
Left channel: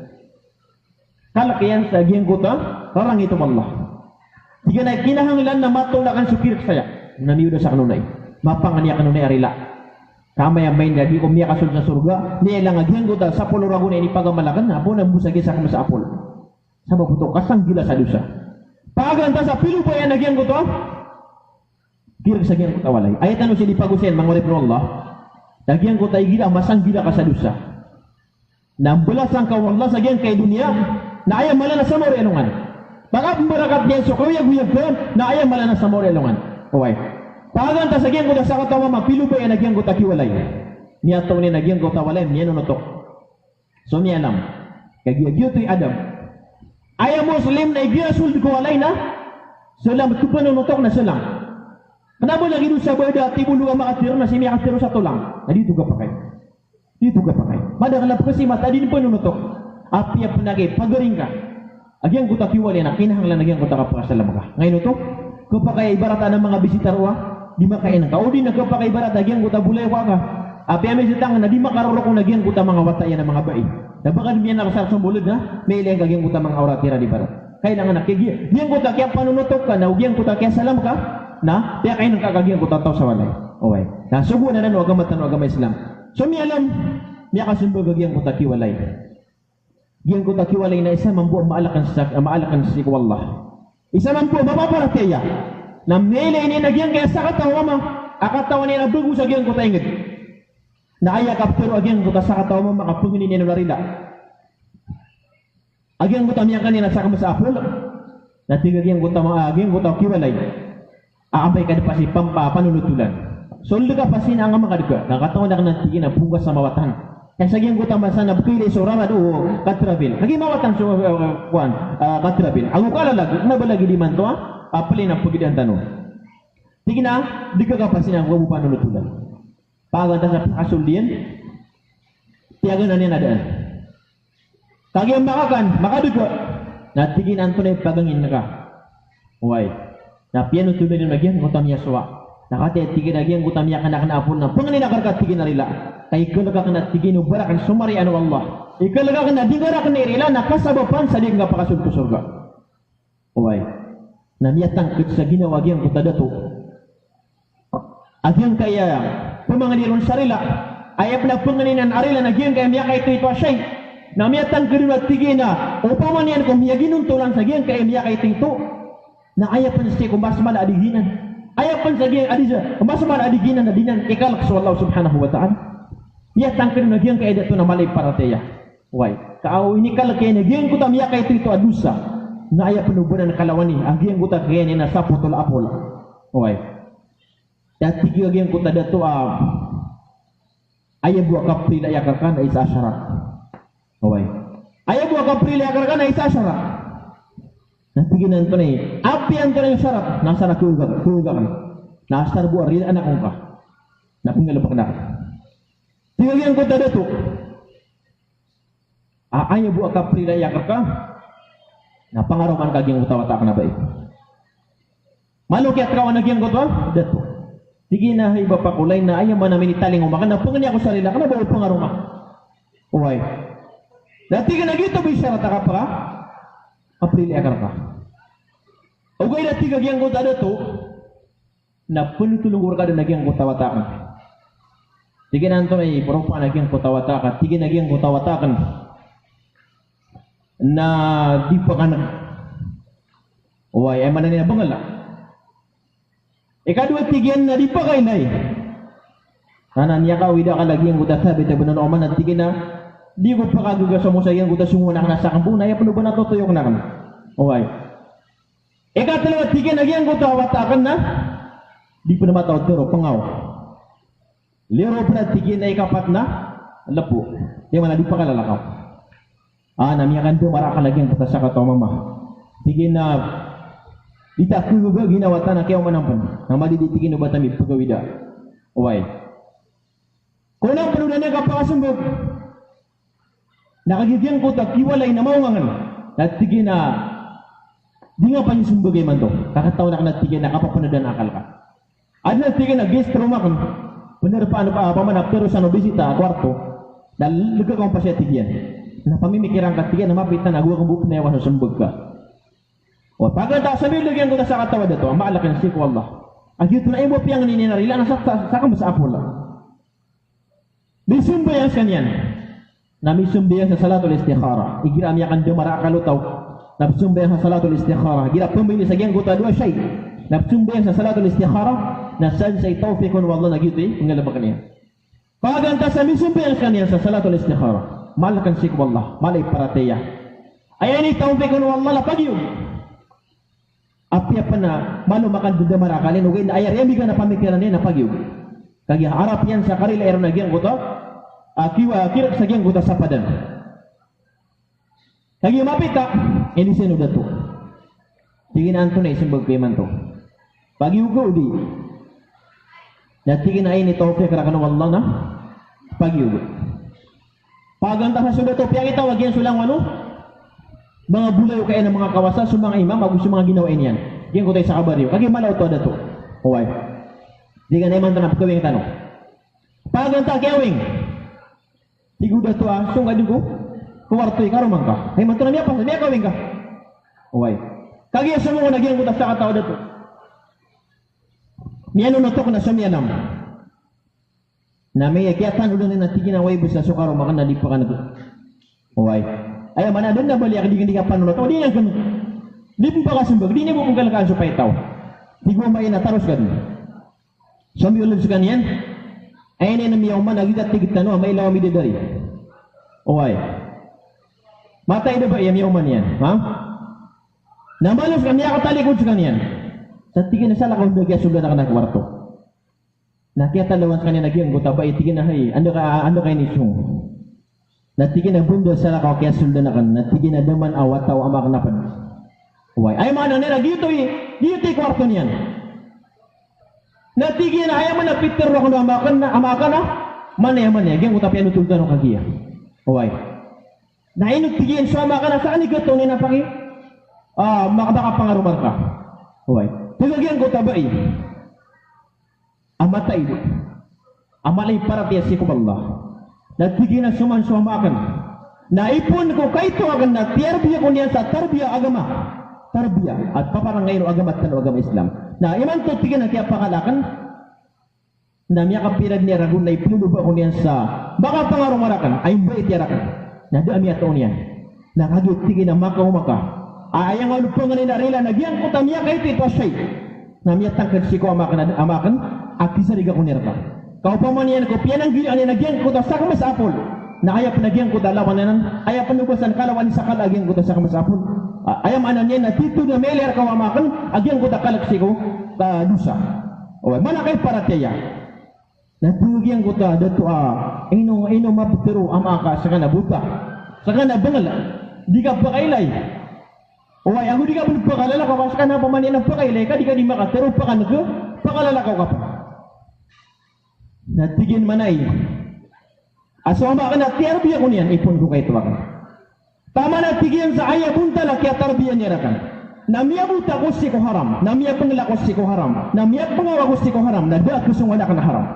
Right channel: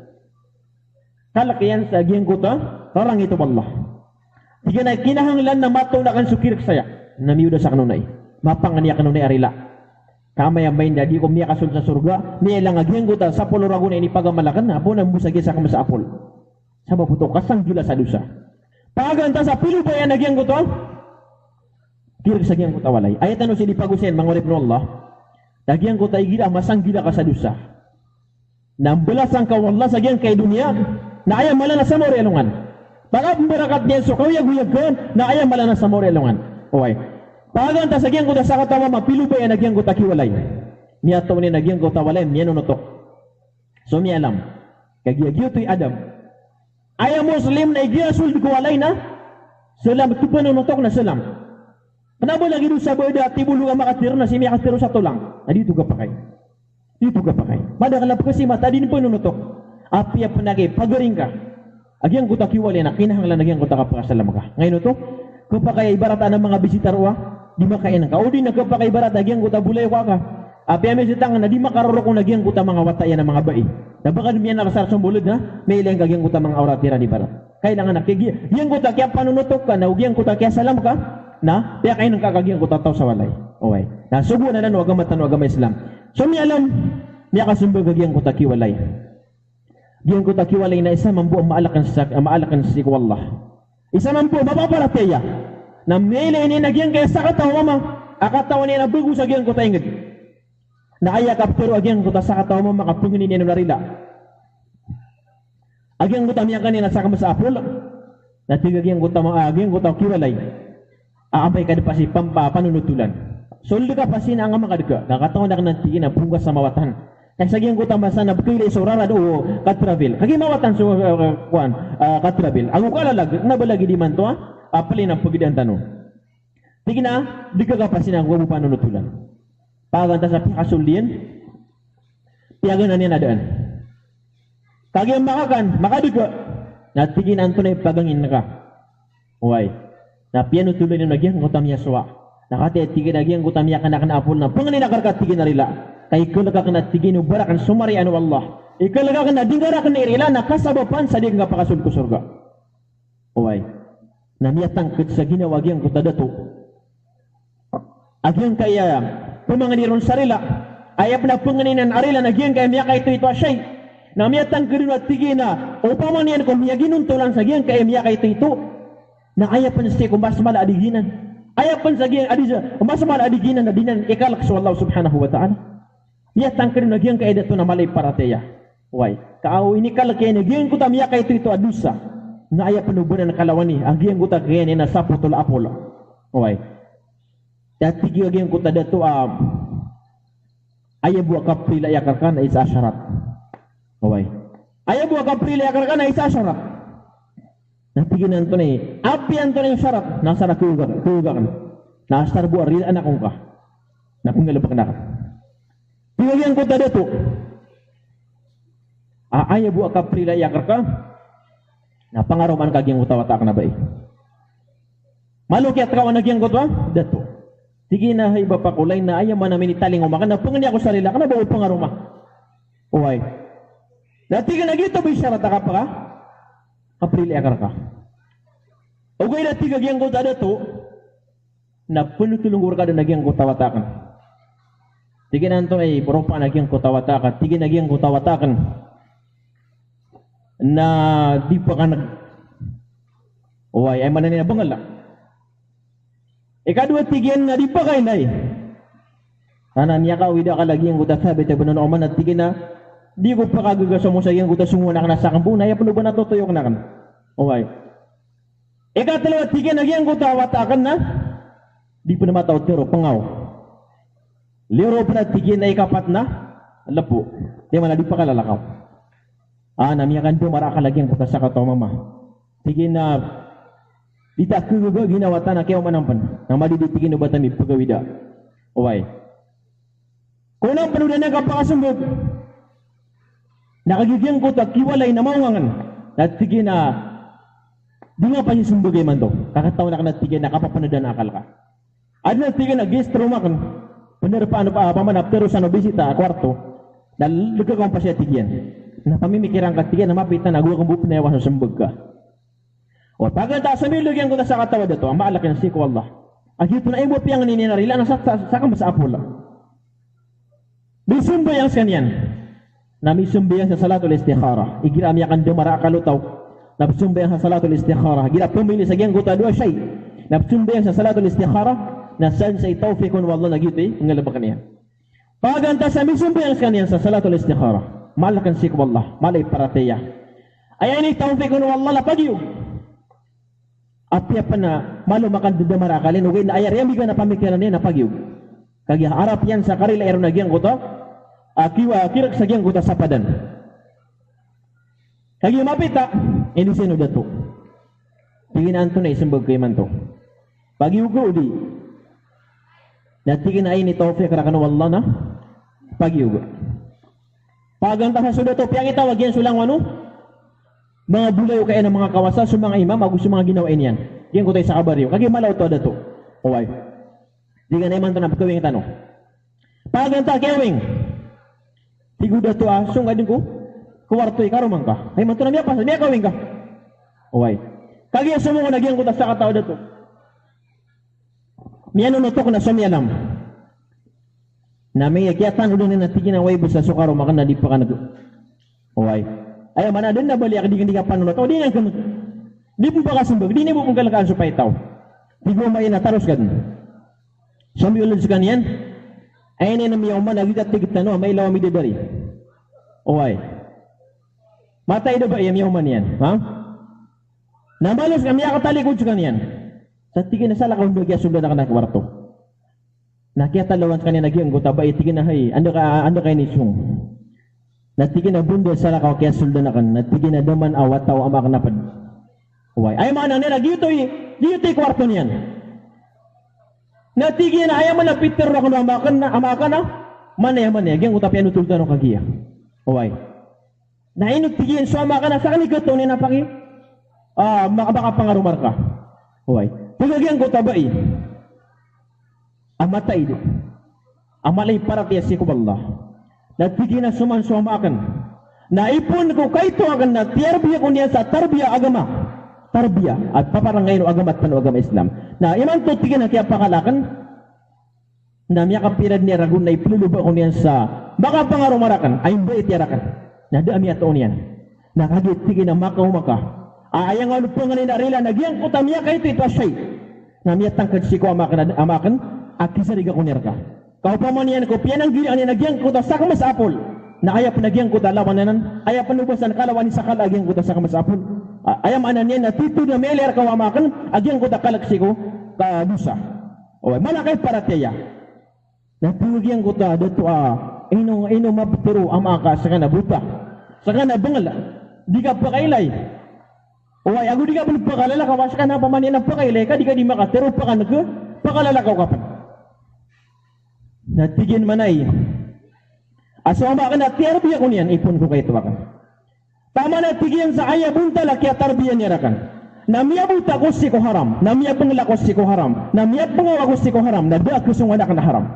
Kalakiyan sa giyang kuta, karang ito Allah. Hindi na kinahanglan na matulakan sukir saya. Naniuda sa kanunay. Mapanganiya kanunay arila. Kamay ang main na di ko miya kasul sa surga. Niya lang agiyang kuta sa pulurago na inipagamalakan na po na busagi sa kama sa apol. Sa mabuto, kasang gila sa dusa. Paganta sa pilo pa yan agiyang kuta. Kirig sa giyang kuta walay. Ayat ano sila pag-usyan, mga repro Allah. Agiyang kuta gila, masang gila ka sa dusa. Nambalasan ka wallah sa giyang kay dunia. Na ayaw malana sa morelongan. Baka barakat niya so kawiyag-wiyag ka na ayaw malana sa morelongan. Paganta sa giyang kuta sa katawa mapilo pa yan nagyang kuta kiwalay. Niya to ni nagyang kuta walay niya nunutok. So niya alam. Kagiyagyo to'y Adam. Ayaw Muslim na igiyasul ko walay na. Salam ito pa nunutok na salam. Kanabo lagi doon sa boyda tibulu ka makatiro na si miya katiro sa tulang. Na dito ka pa kayo. Dito ka pa kayo. Madakalap kasi mata din pa nunutok. Apiya panagay, pagaring ka. Agyang kuta kiwali na kinahanglan nagyang kuta kapakasalam ka. Ngayon ito, kapag kaya ibarata ng mga bisitarwa, di makain ka. O di nagkapakaibarat, agyang kuta bulay ka. Api amin sitang na di makaruro kung nagyan kuta mga wataya ng mga bai. Napaka dimiyan nakasar sa bulod na, may ilang kagyan kuta mga auratira di baro. Kaya nga nakigyan. Yan kuta kaya panunutok ka, na ugyan kuta kaya salam ka, na, kaya kayo nang kakagyan kuta tao sa walay. Okay. Na subo na nan, wag amatan, wag amay Islam. So mi alam, mi akasumbag kagyan kuta kiwalay. Diyan kuta kiwalay na isa mambu maalakan sa wallah. Isa mambu mapaparataya. Na mele ini nagyan kaya sa katawa mo, akatawa niya na dugo sa gyan kuta ingid. Na kaya kapturo agyan kuta sa katawa mo makapungin niya ng narila. Agyan kuta miya kanina sa kamasa apol. Natigagyan kuta mga agyan kuta kiwalay. Aambay ka pa si panunutulan. Soldo ka pa sin ang mga kadika. Nakatawa na ka ng tigin na pugas sa mawatan. Kaya sa agyan kuta masa na bukay so ramad o katrabil. Kagi mawatan so katrabil. Ang ukalalag, nabalagi di man to apalin ang pagidaan tanong. Tigin na, di ka kapasin ang wabu panunutulan. Paganda sa pakasuldian, tiyagan na niya nadaan. Kagi ang makaduga, na tigin ang tunay pagangin na ka. Uway, na piano tuloy na nagyan, kutam niya suwa. Nakati tigin nagyan, kutam niya kanapol na, panganin na karkat tigin na rila. Kaya ikaw ka na tigin, ubarakan sumari ano Allah. Ikaw ka na, dingarakan na irila, nakasabapan sa di nga pakasul ko surga. Uway, na miyatang sa ginawagyan ko tadato. Agyang kaya, pumanganiron sarila, ayap na panganinan arila na giyang kaya miya ito asyay. Na miyatang kariwa tigin na, upaman yan kung miya ginuntulan sa giyang kaya miya ito. Na ayap pa na siya kung mas mala adiginan. Ayap pa sa giyang adisa, kung mas mala adiginan na dinan, ikalak sa Allah subhanahu wa ta'ala. Miyatang kariwa na giyang kaya ito na malay parateya. Why? Kaaw inikal kaya na giyang kuta miya ito adusa. Na ayap pa nubunan na kalawani, ang giyang kuta kaya niya na sapotol apol. Why? Dati giyang kuta dato ayah buat kapri la yakarkan na isa syarat. Away. Ayah buat kapri la yakarkan na isa syarat. Nanti ginan to ni, api ang to yung syarat. Nasa na kuugan. Nasa na buat rin anak kong ka. Na pingalabak na ka. Giyang kuta dato. Ayah buat kapri la yakarkan. Na pangaruman kaging utawatak na ba eh. Malukyat ka o nagyang kuta dato. Sige na hay ba pakulay na ayaw man namin italing umakan. Napungan niya ako sa rila. Kana ba huwag pangaruma? Uway. Dati ka nagito bisyara taka pa ka? Aprili akar ka. Ugay dati kagyang kuta na to. Na punutulungur ka na nagyang kutawatakan. Sige na ito ay puro pa nagyang kutawatakan. Sige nagyang kutawatakan. Na di pa ka nag... Uway. Ay manan niya bangal na. Ikadua tigyan na di pa kayo na eh. Kanan niya ka, wida ka lagi ang guta sabi, tabi na naman at tigyan na, di ko pa kagugasa mo sa iyang guta sumuna ka na sa kambu, na yapano ba natutuyok na ka na? Okay. Ikatalawa tigyan na iyang guta, watakan na, di pa na matawad pero pangaw. Lero pa na tigyan na ikapat na, lapo. Di man na di pa kalalakaw. Namiyakan do, maraka lagi ang guta sa kataw mama. Tigyan na, ita kuga ginawatan na kaya manampan na madiditigin na batami pagawida. Uway. Kung na panunan na kapakasumbog, nakagigyan ko kiwalay na maungangan at tigin na di nga pa yung sumbogay man do. Kakataw na ka na tigin na kapapanudan na akal ka. At na tigin na guest room akon, panar paano pa pamanap pero sa nobisita kwarto, nalagagawang pa siya tigyan. Na pamimikirang ka tigyan na mapit na nagawang bupin na yawa sa sumbog ka. O pagkata sa bilogyan ko na sa katawa dito, ang maalaki na siku Allah. Ang ito na imo piyang nininarila na sa kamasa apula. May sumbayang sa kanyan. Na may sumbayang sa salatul istikhara. Igira miyakan dumara kalutaw. Na sumbayang sa salatul istikhara. Gira pumili sa giyang guta dua siyay. Na sumbayang sa salatul istikhara. Na san say tawfikun wallah na gito eh. Ang galabak niya. Pagkanta sa may sumbayang sa kanyan sa salatul istikhara. Malakan siku Allah. Malay parateya. Ayan ni tawfikun wallah na pagyog. Apya pa na malumakan doon marakalin ugay na ayar yan na pamikiran niya na pagyug. Kaya harap yan sa karila aron na giyang kuta kiwa kirak sa giyang kuta sa padan. Kaya mapita ini sino dato. Tingin to na isumbag kay man to. Pagyug ko di. Natigin ay ni Tawfiq karakan wallah na pagyug. Paganta sa sudato piyang itawag yan sulang ano? Mga bulayo kaya ng mga kawasa sa mga imam, gusto mga ginawain yan. Yan ko tayo sa kabaryo. Kagi malaw to dato. Uway. Di ka naman ito na pagkawing tanong. Paganta kewing. Tiguda to sung adin ko. Kuwarto ikaro man ka. Ay man to na niya pa niya kawing ka. Oy. Kagi semua nagyan ko ta sa katao dato. Miano no to ko na somyanam. Na may yakyatan ulo na tigin na way busa sukaro makan na di pa ka nag. Oy. Ay man adun na bali ak di ka panulo to di yan kam. Di po ba ka sumbag di ni mo pagkalakaan supay taw. Di ko may nataros kan. Sambil ulun sa kanyan. Ay ni nami man nagigat tigit no may lawa mi dari. Oy. Matay da ba yan man yan, ha? Namalos kami ako talikod sa kanyan. Sa tigin na sala kung bagya subla na kanang kwarto. Nakita lawan sa kanyan nagyang ko tabay tigin na hay. Ano kay ni sung. Natigin na bundo sala ka kaya sulda na kan. Natigin na daman awat taw amak napad. Oy. Ay man nila dito kwarto niyan. Natigyan na ayaman na Peter na kung amakan na manay gyang utapian utulta no kagiya. Oy. Na inugtigyan sa amakan na saan igato ni napaki? Baka pangarumar ka. Oy. Pagagyan ko tabay. Amatay do. Amalay para tiya si Allah. Natigyan na suman sa amakan. Naipon ko kaito agan na tiyarbiya ko niya sa tarbiya agama. Tarbiya at paparang ngayon agama at agama Islam. Na iman to tigin na kaya pakalakan na miya kapirad ni ragun na ipululuba ko niyan sa baka pangarumarakan ay ba itirakan na dami at niyan na kagit tigin na maka ayang ano po nga ninarila nagyang kuta miya kayo ito asay na miya tangkad si ko amakan at kisariga ko nirka kaupaman niyan ko piyan ang gili ang nagyang kuta sa kamas apol na kaya panagyang kuta lawan nanan kaya panubasan kalawan sa kalagyang kuta sa kamas apol ayam anan niya na tito na meler kawamakan agyang ko dakalaksiko ka dusa. O mana kay para tiya. Natugyan ko ta dato ino maptero amaka sa kana buta. Sa kana bangal di ka pakailay. O ay ako di ka pakalala ka was kana pamanin ang pakailay ka di ka di makatero pa kana ko pakalala ka pa. Natigin manay. Asama ka na tiyarbiya ko niyan ipon ko kay tuwakan. Tama na tigyan sa aya punta la kya tarbiya niya rakan. Namia buta ko si ko haram, namia pengla ko si ko haram, namia pengawa ko si ko haram, na da ko sung anak na haram.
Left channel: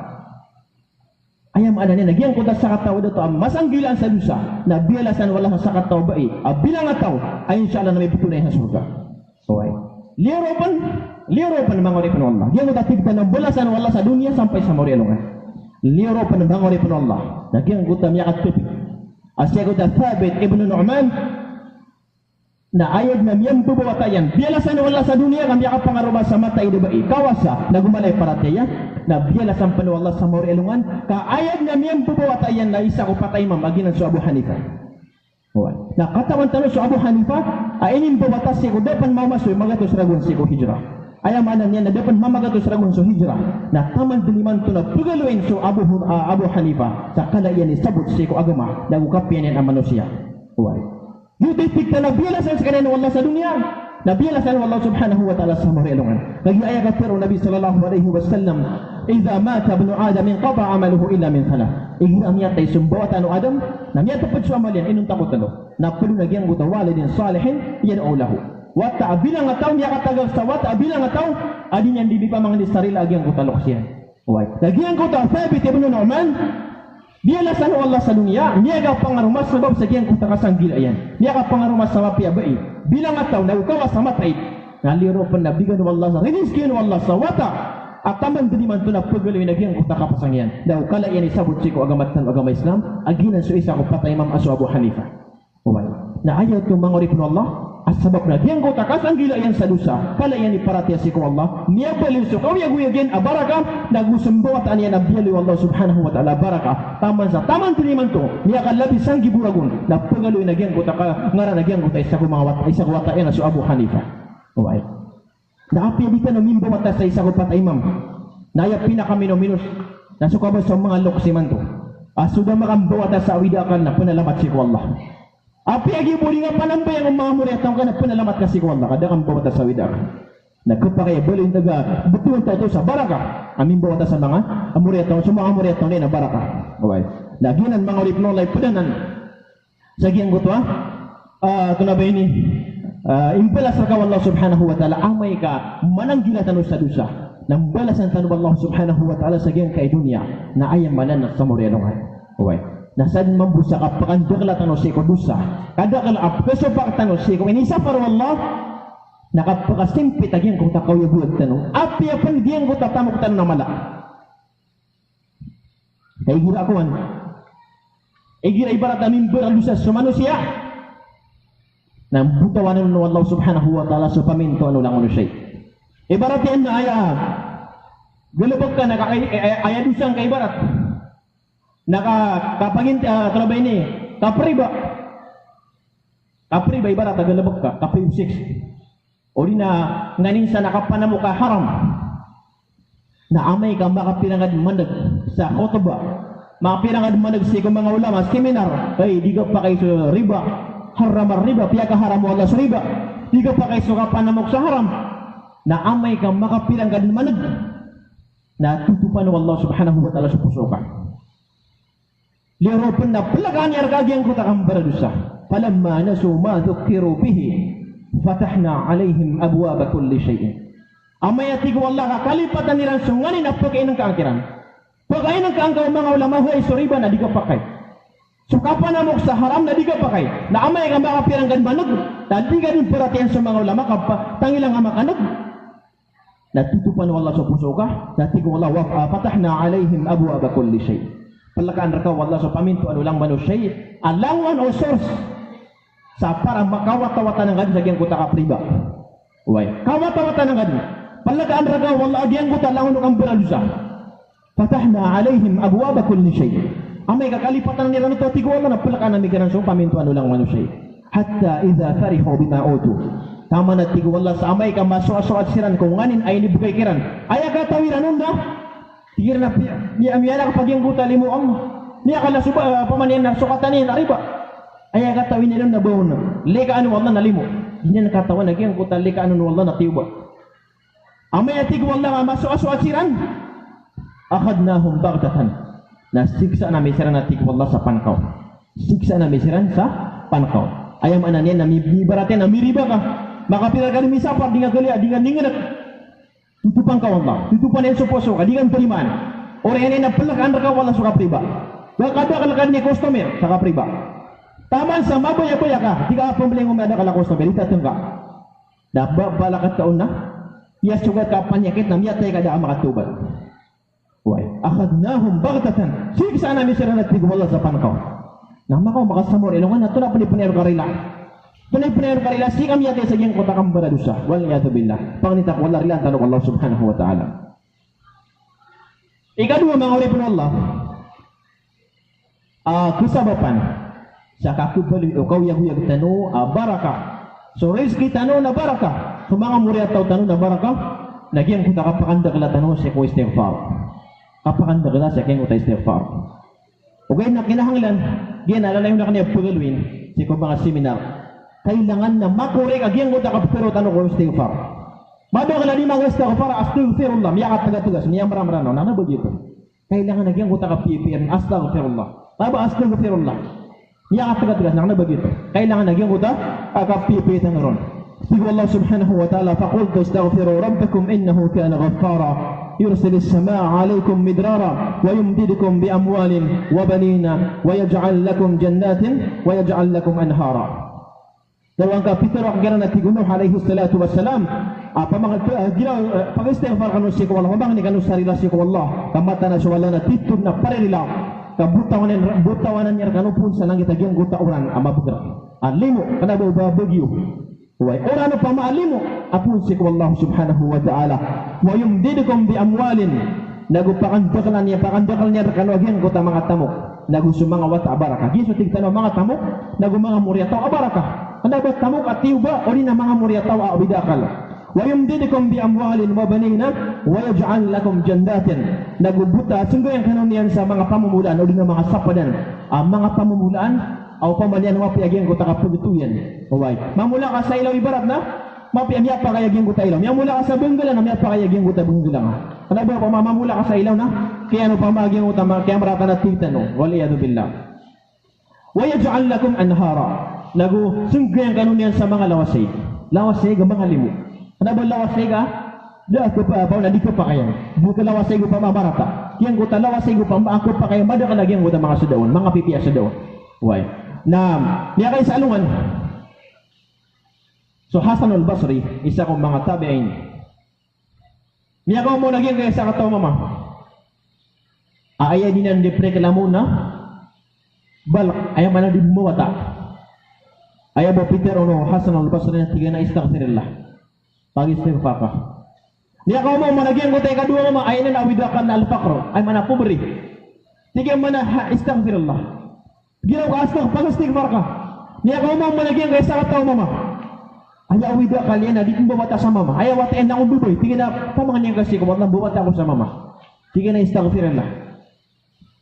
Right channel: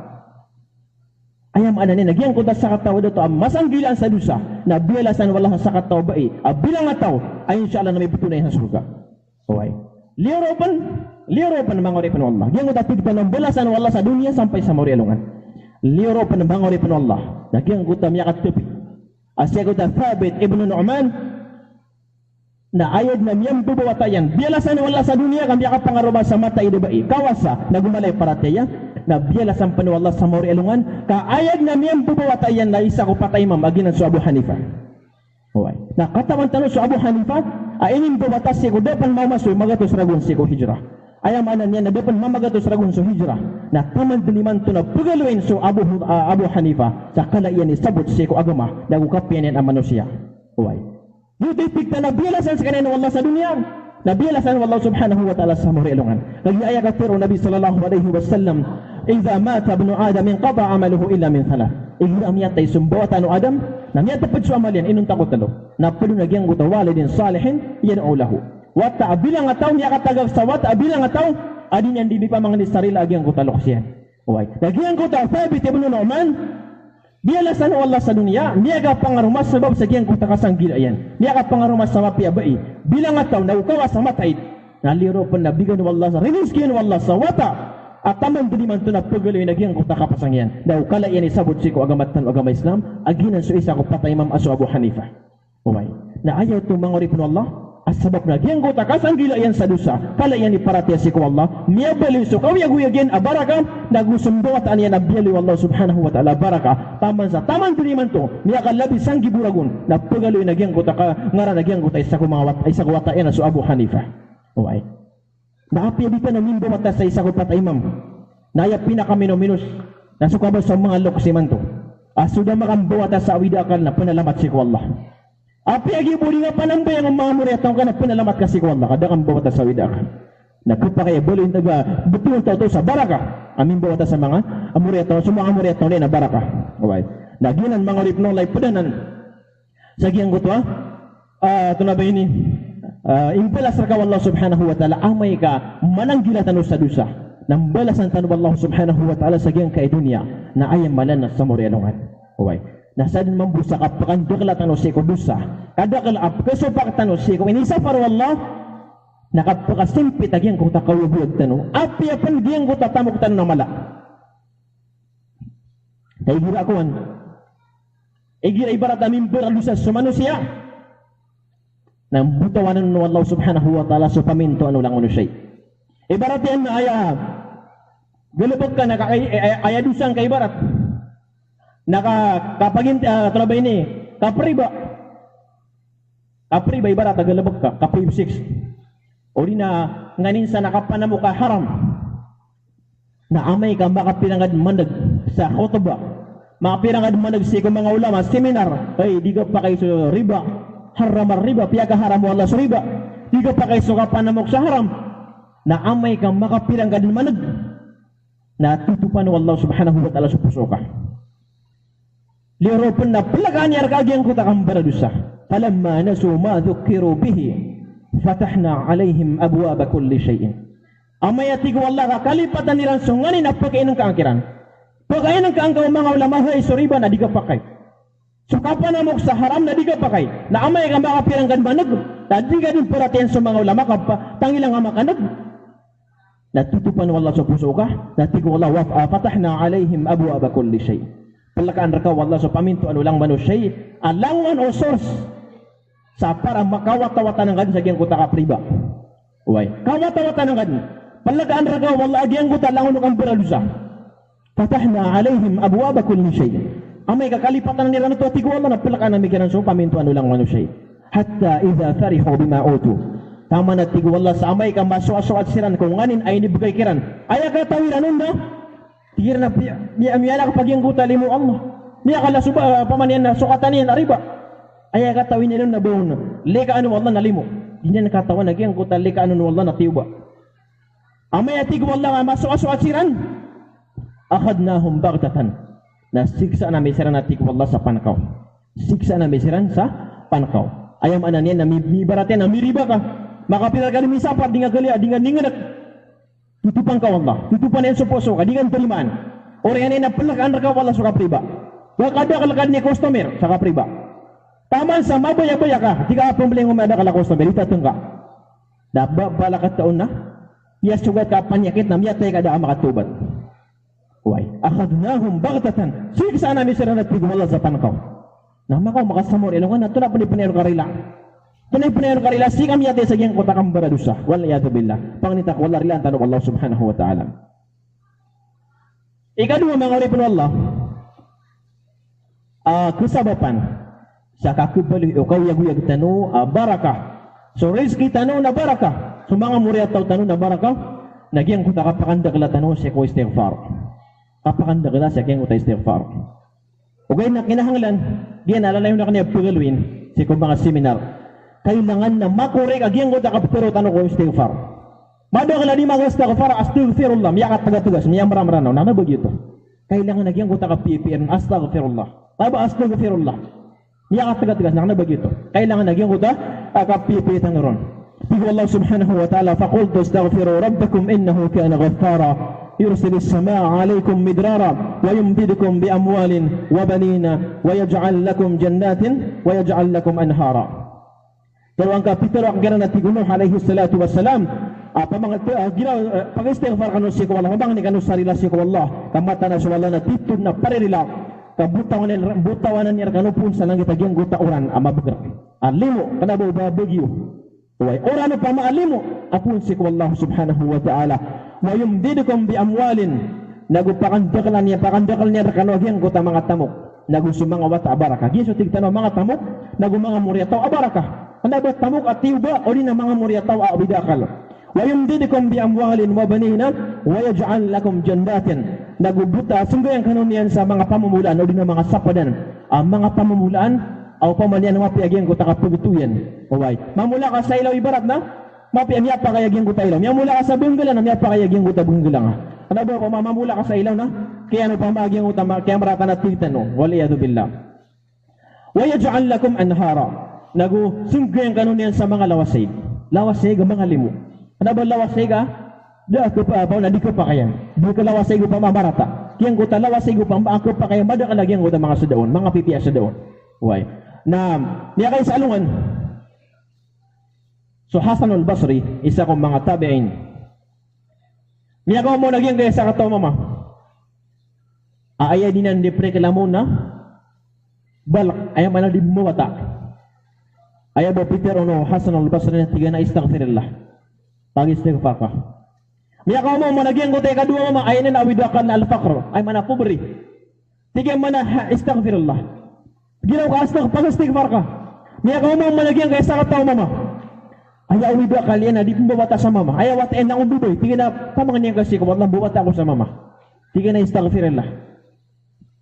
Ayam ana ni nagyang ko ta sa kataw dato masang gilan sa dusa, na bialasan wala sa kataw bai. Bilang ataw ay insyaallah na may butunay sa surga. Okay. Liropan mangoripan Allah. Yang ko tigtan ng balasan wala sa dunia sampai sa morialongan. Liropan mangoripan Allah. Nagyang ko ta miya katupi. Asya ko ta Thabit ibn Nu'man na ayad na miyang bubawatayan bialasan wala sa dunia kami ka pangaruba sa mata idabai kawasa na gumalay para tiya na bialasan pa wala sa mori elungan ka ayad na miyang bubawatayan na isa ko patay mamaginan sa Abu Hanifa. Oy. Na katawan tanong sa Abu Hanifa ainin bubatas si ko dapan mamasoy magatos ragun si ko hijrah. Ayam anan niya na dapan mamagatos ragun so hijrah na taman diliman to na pagaluin so Abu Hanifa sa kalaiyan ni sabot si ko agama na ukapian yan ang manusia. Oy. Yuti pikta na bialasan sa kanin Allah sa dunia. Na bialasan Allah subhanahu wa ta'ala sa marialungan. Lagi ayat kafir Nabi sallallahu alaihi wasallam, "Idza mata ibnu Adam inqata 'amaluhu illa min thalath." Igira miyatay sumbawatan Adam, na miyatay pud sa amal yan inun takot talo. Na pulo nagyang guta walidin salihin yan ulahu. Wa ta'bilang ataw niya katagag sa wa ta'bilang ataw adin yan di pa mga sarila agyang guta loksyan. Oy. Nagyang guta Thabit ibn Nu'man bialasan Allah sa dunia, niya ka pangarumas sebab sekian kung takasang gila yan. Niya ka pangarumas sa wapi abai. Bilang ataw na ukawas sa matay. Naliro pa nabigan ng Allah sa riniskin ng Allah sa wata. At taman biniman ito na pagaloy na giyang kung takapasang yan. Na ukala yan isabot si ko agamatan agama Islam. Aginan so isa ko patay Imam Asu Abu Hanifa. Umay. Na ayaw ito mangurip ng Allah. At sabab na giyang ko takasang gila yan sa dusa. Kala yan iparatya si ko Allah. Niya baliw so kawiyag-wiyagin abaraka. Nagmusumbawatan yan abiyaliw Allah subhanahu wa ta'ala baraka. Taman sa taman biniman to. Niya kalabis ang giburagon. Na pagaloy na giyang ko ngara na giyang ko ta isa ko wata yan na so Abu Hanifa. Umay. Naapi di ka namimbo mata sa isa ko patay Imam. Naya pinakaminuminus. Nasukabal sa mga loksiman to. Sudah makambawa ta sa awidakan na panalamat si ko Allah. Api agi buli nga panambay ang mga muretang ka na panalamat kasi ko Allah. Kada kang bawa ta sa awidakan. Nagkapakaya bali naga betul tao sa baraka. Amin bawa ta sa mga amuretang. Sa mga amuretang na baraka. Okay. Naginan mga ripno lay padanan. Sa giyang gutwa. Ito na ba ini? Impelas rakaw Allah subhanahu wa ta'ala amay ka mananggilatan sa dusa Nang balasan tanu Allah subhanahu wa ta'ala sa giyang kay dunia na ayam manan na sa morianungan. Okay. Nasad mambusa ka pakandakla tanu si kudusa. Kadakla apkesopak tanu si ko inisafar wallah nakapakasimpit agiyang kung takawabuyag tanu. Api apan giyang ko tatamok tanu na mala. Kaya gira akuan. Igira ibarat amin beralusa sa manusia. Nang butawanan ng Allah subhanahu wa ta'ala sa paminto ano lang ano siya. Ibarat yan na galabag ka, ayadusan ka ibarat. Kapagin, kalabay ni, kapriba. Kapriba ibarat, galabag ka, kaprib 6. O di na, nganin sa nakapanamo ka haram. Na amay ka makapirangad mandag sa khutbah. Makapirangad mandag sa mga ulama, seminar. Ay, di ka pa kayo sa riba. Haram riba, piya ka haram wala sa riba. Di ka pa kayo sa kapanamok sa haram. Na amay ka makapirangad mandag. Na tutupan ng Allah subhanahu wa ta'ala sa puso ka. Liropan na palagaan niya arkagyang kuta kang baradusa. Falamma nasu ma dhukiru bihi fatahna alaihim abwaba kulli shay'in. Amayati ko Allah ka kalipatan nilang sunganin na pagkain ng kaangkiran. Pagkain ng kaangkaw mga ulama ay suriba na di ka pakay. So kapanamok sa haram na di ka pakay. Na amay ka makapiranggan manag. Na di ka din perhatian sa mga ulama tangilang amakanag. Natutupan ng Allah sa puso ka. Natigo Allah fatahna alaihim abwaba kulli shay. Palakaan raka Allah sa paminto ano lang manusay alangan o source sa para makawat-tawatan ng gadi sa giyang kuta ka priba. Uway. Kawat-tawatan ng gadi. Palakaan raka Allah giyang kuta langon ng beralusa. Fatahna alaihim abwaba kulli shay. Amay kakalipatan nila nito tigo Allah na palakaan ng mikiran sa paminto ano lang manusay. Hatta idha farihu bima utu. Tama na tigo Allah sa amay ka masuwa-suwa at siran kung nganin ay nibugay kiran. Ay katawiran nun na. Tigir na miya na kapag yung guta limo Allah. Miya kala suba pamanian na sukatan niya ariba. Ay katawin nila na bawon. Leka ano Allah na limo. Di niya nakatawan na yung guta leka ano Allah na tiuba. Amay tigo Allah nga masuwa-suwa at siran. Akhadnahum baghtatan. Nasiksa na may siran na tigo Allah sa pankaw. Siksa na may siran sa pankaw. Ayam anan yan na mibaratin na miriba ka. Makapira ka ni misapat di nga gali di nga ninganak. Tutupan ka Allah. Tutupan yan sa puso ka. Di kang terimaan. Orang yan na palakaan ka wala sa kapriba. Wakada ni customer sa kapriba. Taman sa mabaya-baya ka. Di ka pumili ng umada ka la customer. Itatong ka. Daba balakat taon na. Iya sugat ka panyakit na miyatay ka da makatubat. Uy. Akhadnahum baghtatan. Siksa na misira na tigum Allah sa panakaw. Namakaw makasamor. Ilungan na ito na panipunero karila. Penay-penay karila si kami yate sa giyang kota kang baradusa. Walayadu billah. Pangnitak wala rilan tanong Allah subhanahu wa ta'ala. Ikadua mga uripin Allah. Kusabapan. Sa kakubali o kawiyag-wiyag tanu barakah. So rizki tanu na barakah. So mga muriat tau tanu na barakah. Nagyang kota kapakandagla tanu sa ko istighfar. Kapakandagla sa giyang kota istighfar. Okay na kinahanglan. Diyan alala yung na kanya pagaluin. Sa kong mga seminar. Kailangan na makorek agyang ko takapero tanong ko istighfar. Mado kala di mga istighfar astaghfirullah miyakat taga-tugas miya maram-ranaw na begitu. Kailangan agyang ko takapipir astaghfirullah. Taba astaghfirullah. Miyakat taga-tugas na begitu. Kailangan agyang ko takapipir tangaron. Tigo Allah subhanahu wa ta'ala faqultu astaghfiru rabbakum innahu kana ghaffara. يرسل السماء عليكم مدرارا ويمددكم بأموال وبنين ويجعل لكم جنات ويجعل لكم أنهارا. Dalawang kapitulo ang gana natin Nuh alayhi salatu wassalam. Pag-istighfar kanu si ko Allah. Mabang ni kanu sarila si ko Allah. Kamata na siya wala na titod na paririla. Kabutawan niya kanu pun sa langit agyang guta oran amabagar. Alimo kanabo babagyo. Uway oran pa maalimo. Apun si ko Allah subhanahu wa ta'ala. Wa yumdidukum bi amwalin. Nagupakandakal niya kanu agyang guta mga tamok. Nagusumanga wata abaraka. Giso tigtano mga tamok. Nagumanga muriataw abaraka. Anda ba tamok at tiuba o rin ang mga muryataw a bidakal. Wa yumdidukum bi amwalin wa banina wa yaj'al lakum jannatin. Nagubuta sungguh kanunian sa mga pamumulaan o rin ang mga sapadan. Ang mga pamumulaan o pamalian wapi agyang ko takapugutuyan. Uway. Mamula ka sa ilaw ibarat na mapi ang yapa kay agyang ko ta ilaw. Mamula ka sa bunggalan ang yapa kay agyang ko ta bunggalan. Ano ba mamamula ka sa ilaw na? Kaya ano pa maagyang ko ta kaya marata na titano. Waliyadu billah. Wa yaj'al lakum anhara. Nagu sungguh kanunian sa mga lawasay. Lawasay ga mga limo. Ano ba lawasay ga? Da ako pa na di ko pa kayan. Di ko lawas sa igo pa mamarata. Kiyang ko talawas sa igo pa ako pa kayan. Mada ka nagyang ko mga sudaon. Mga pipiya sudaon. Why? Na niya kayo sa alungan. So Hasan al-Basri, isa kong mga tabi'in. Niya ko mo nagyang kayo sa kataw mama. Aaya din ang depre kalamo na. Balak, ayaw man di bumawata. Ayaw ba Peter ono Hasan al-Basri na tiga na istaghfirillah. Pag-istighfar ka. Miya ka mo managyan ko tayo kadua mo ay na awidakan na al-faqr ay mana pobri. Tiga mana istaghfirullah. Ginaw ka pag-istighfar ka. Miya ka mo managyan kay sa kataw mama. Ay awidakan yan na di bumawata sa mama. Ay watain na akong buboy. Tiga na pamangan kasi ko wala bumawata ako sa mama. Tiga na istaghfirullah.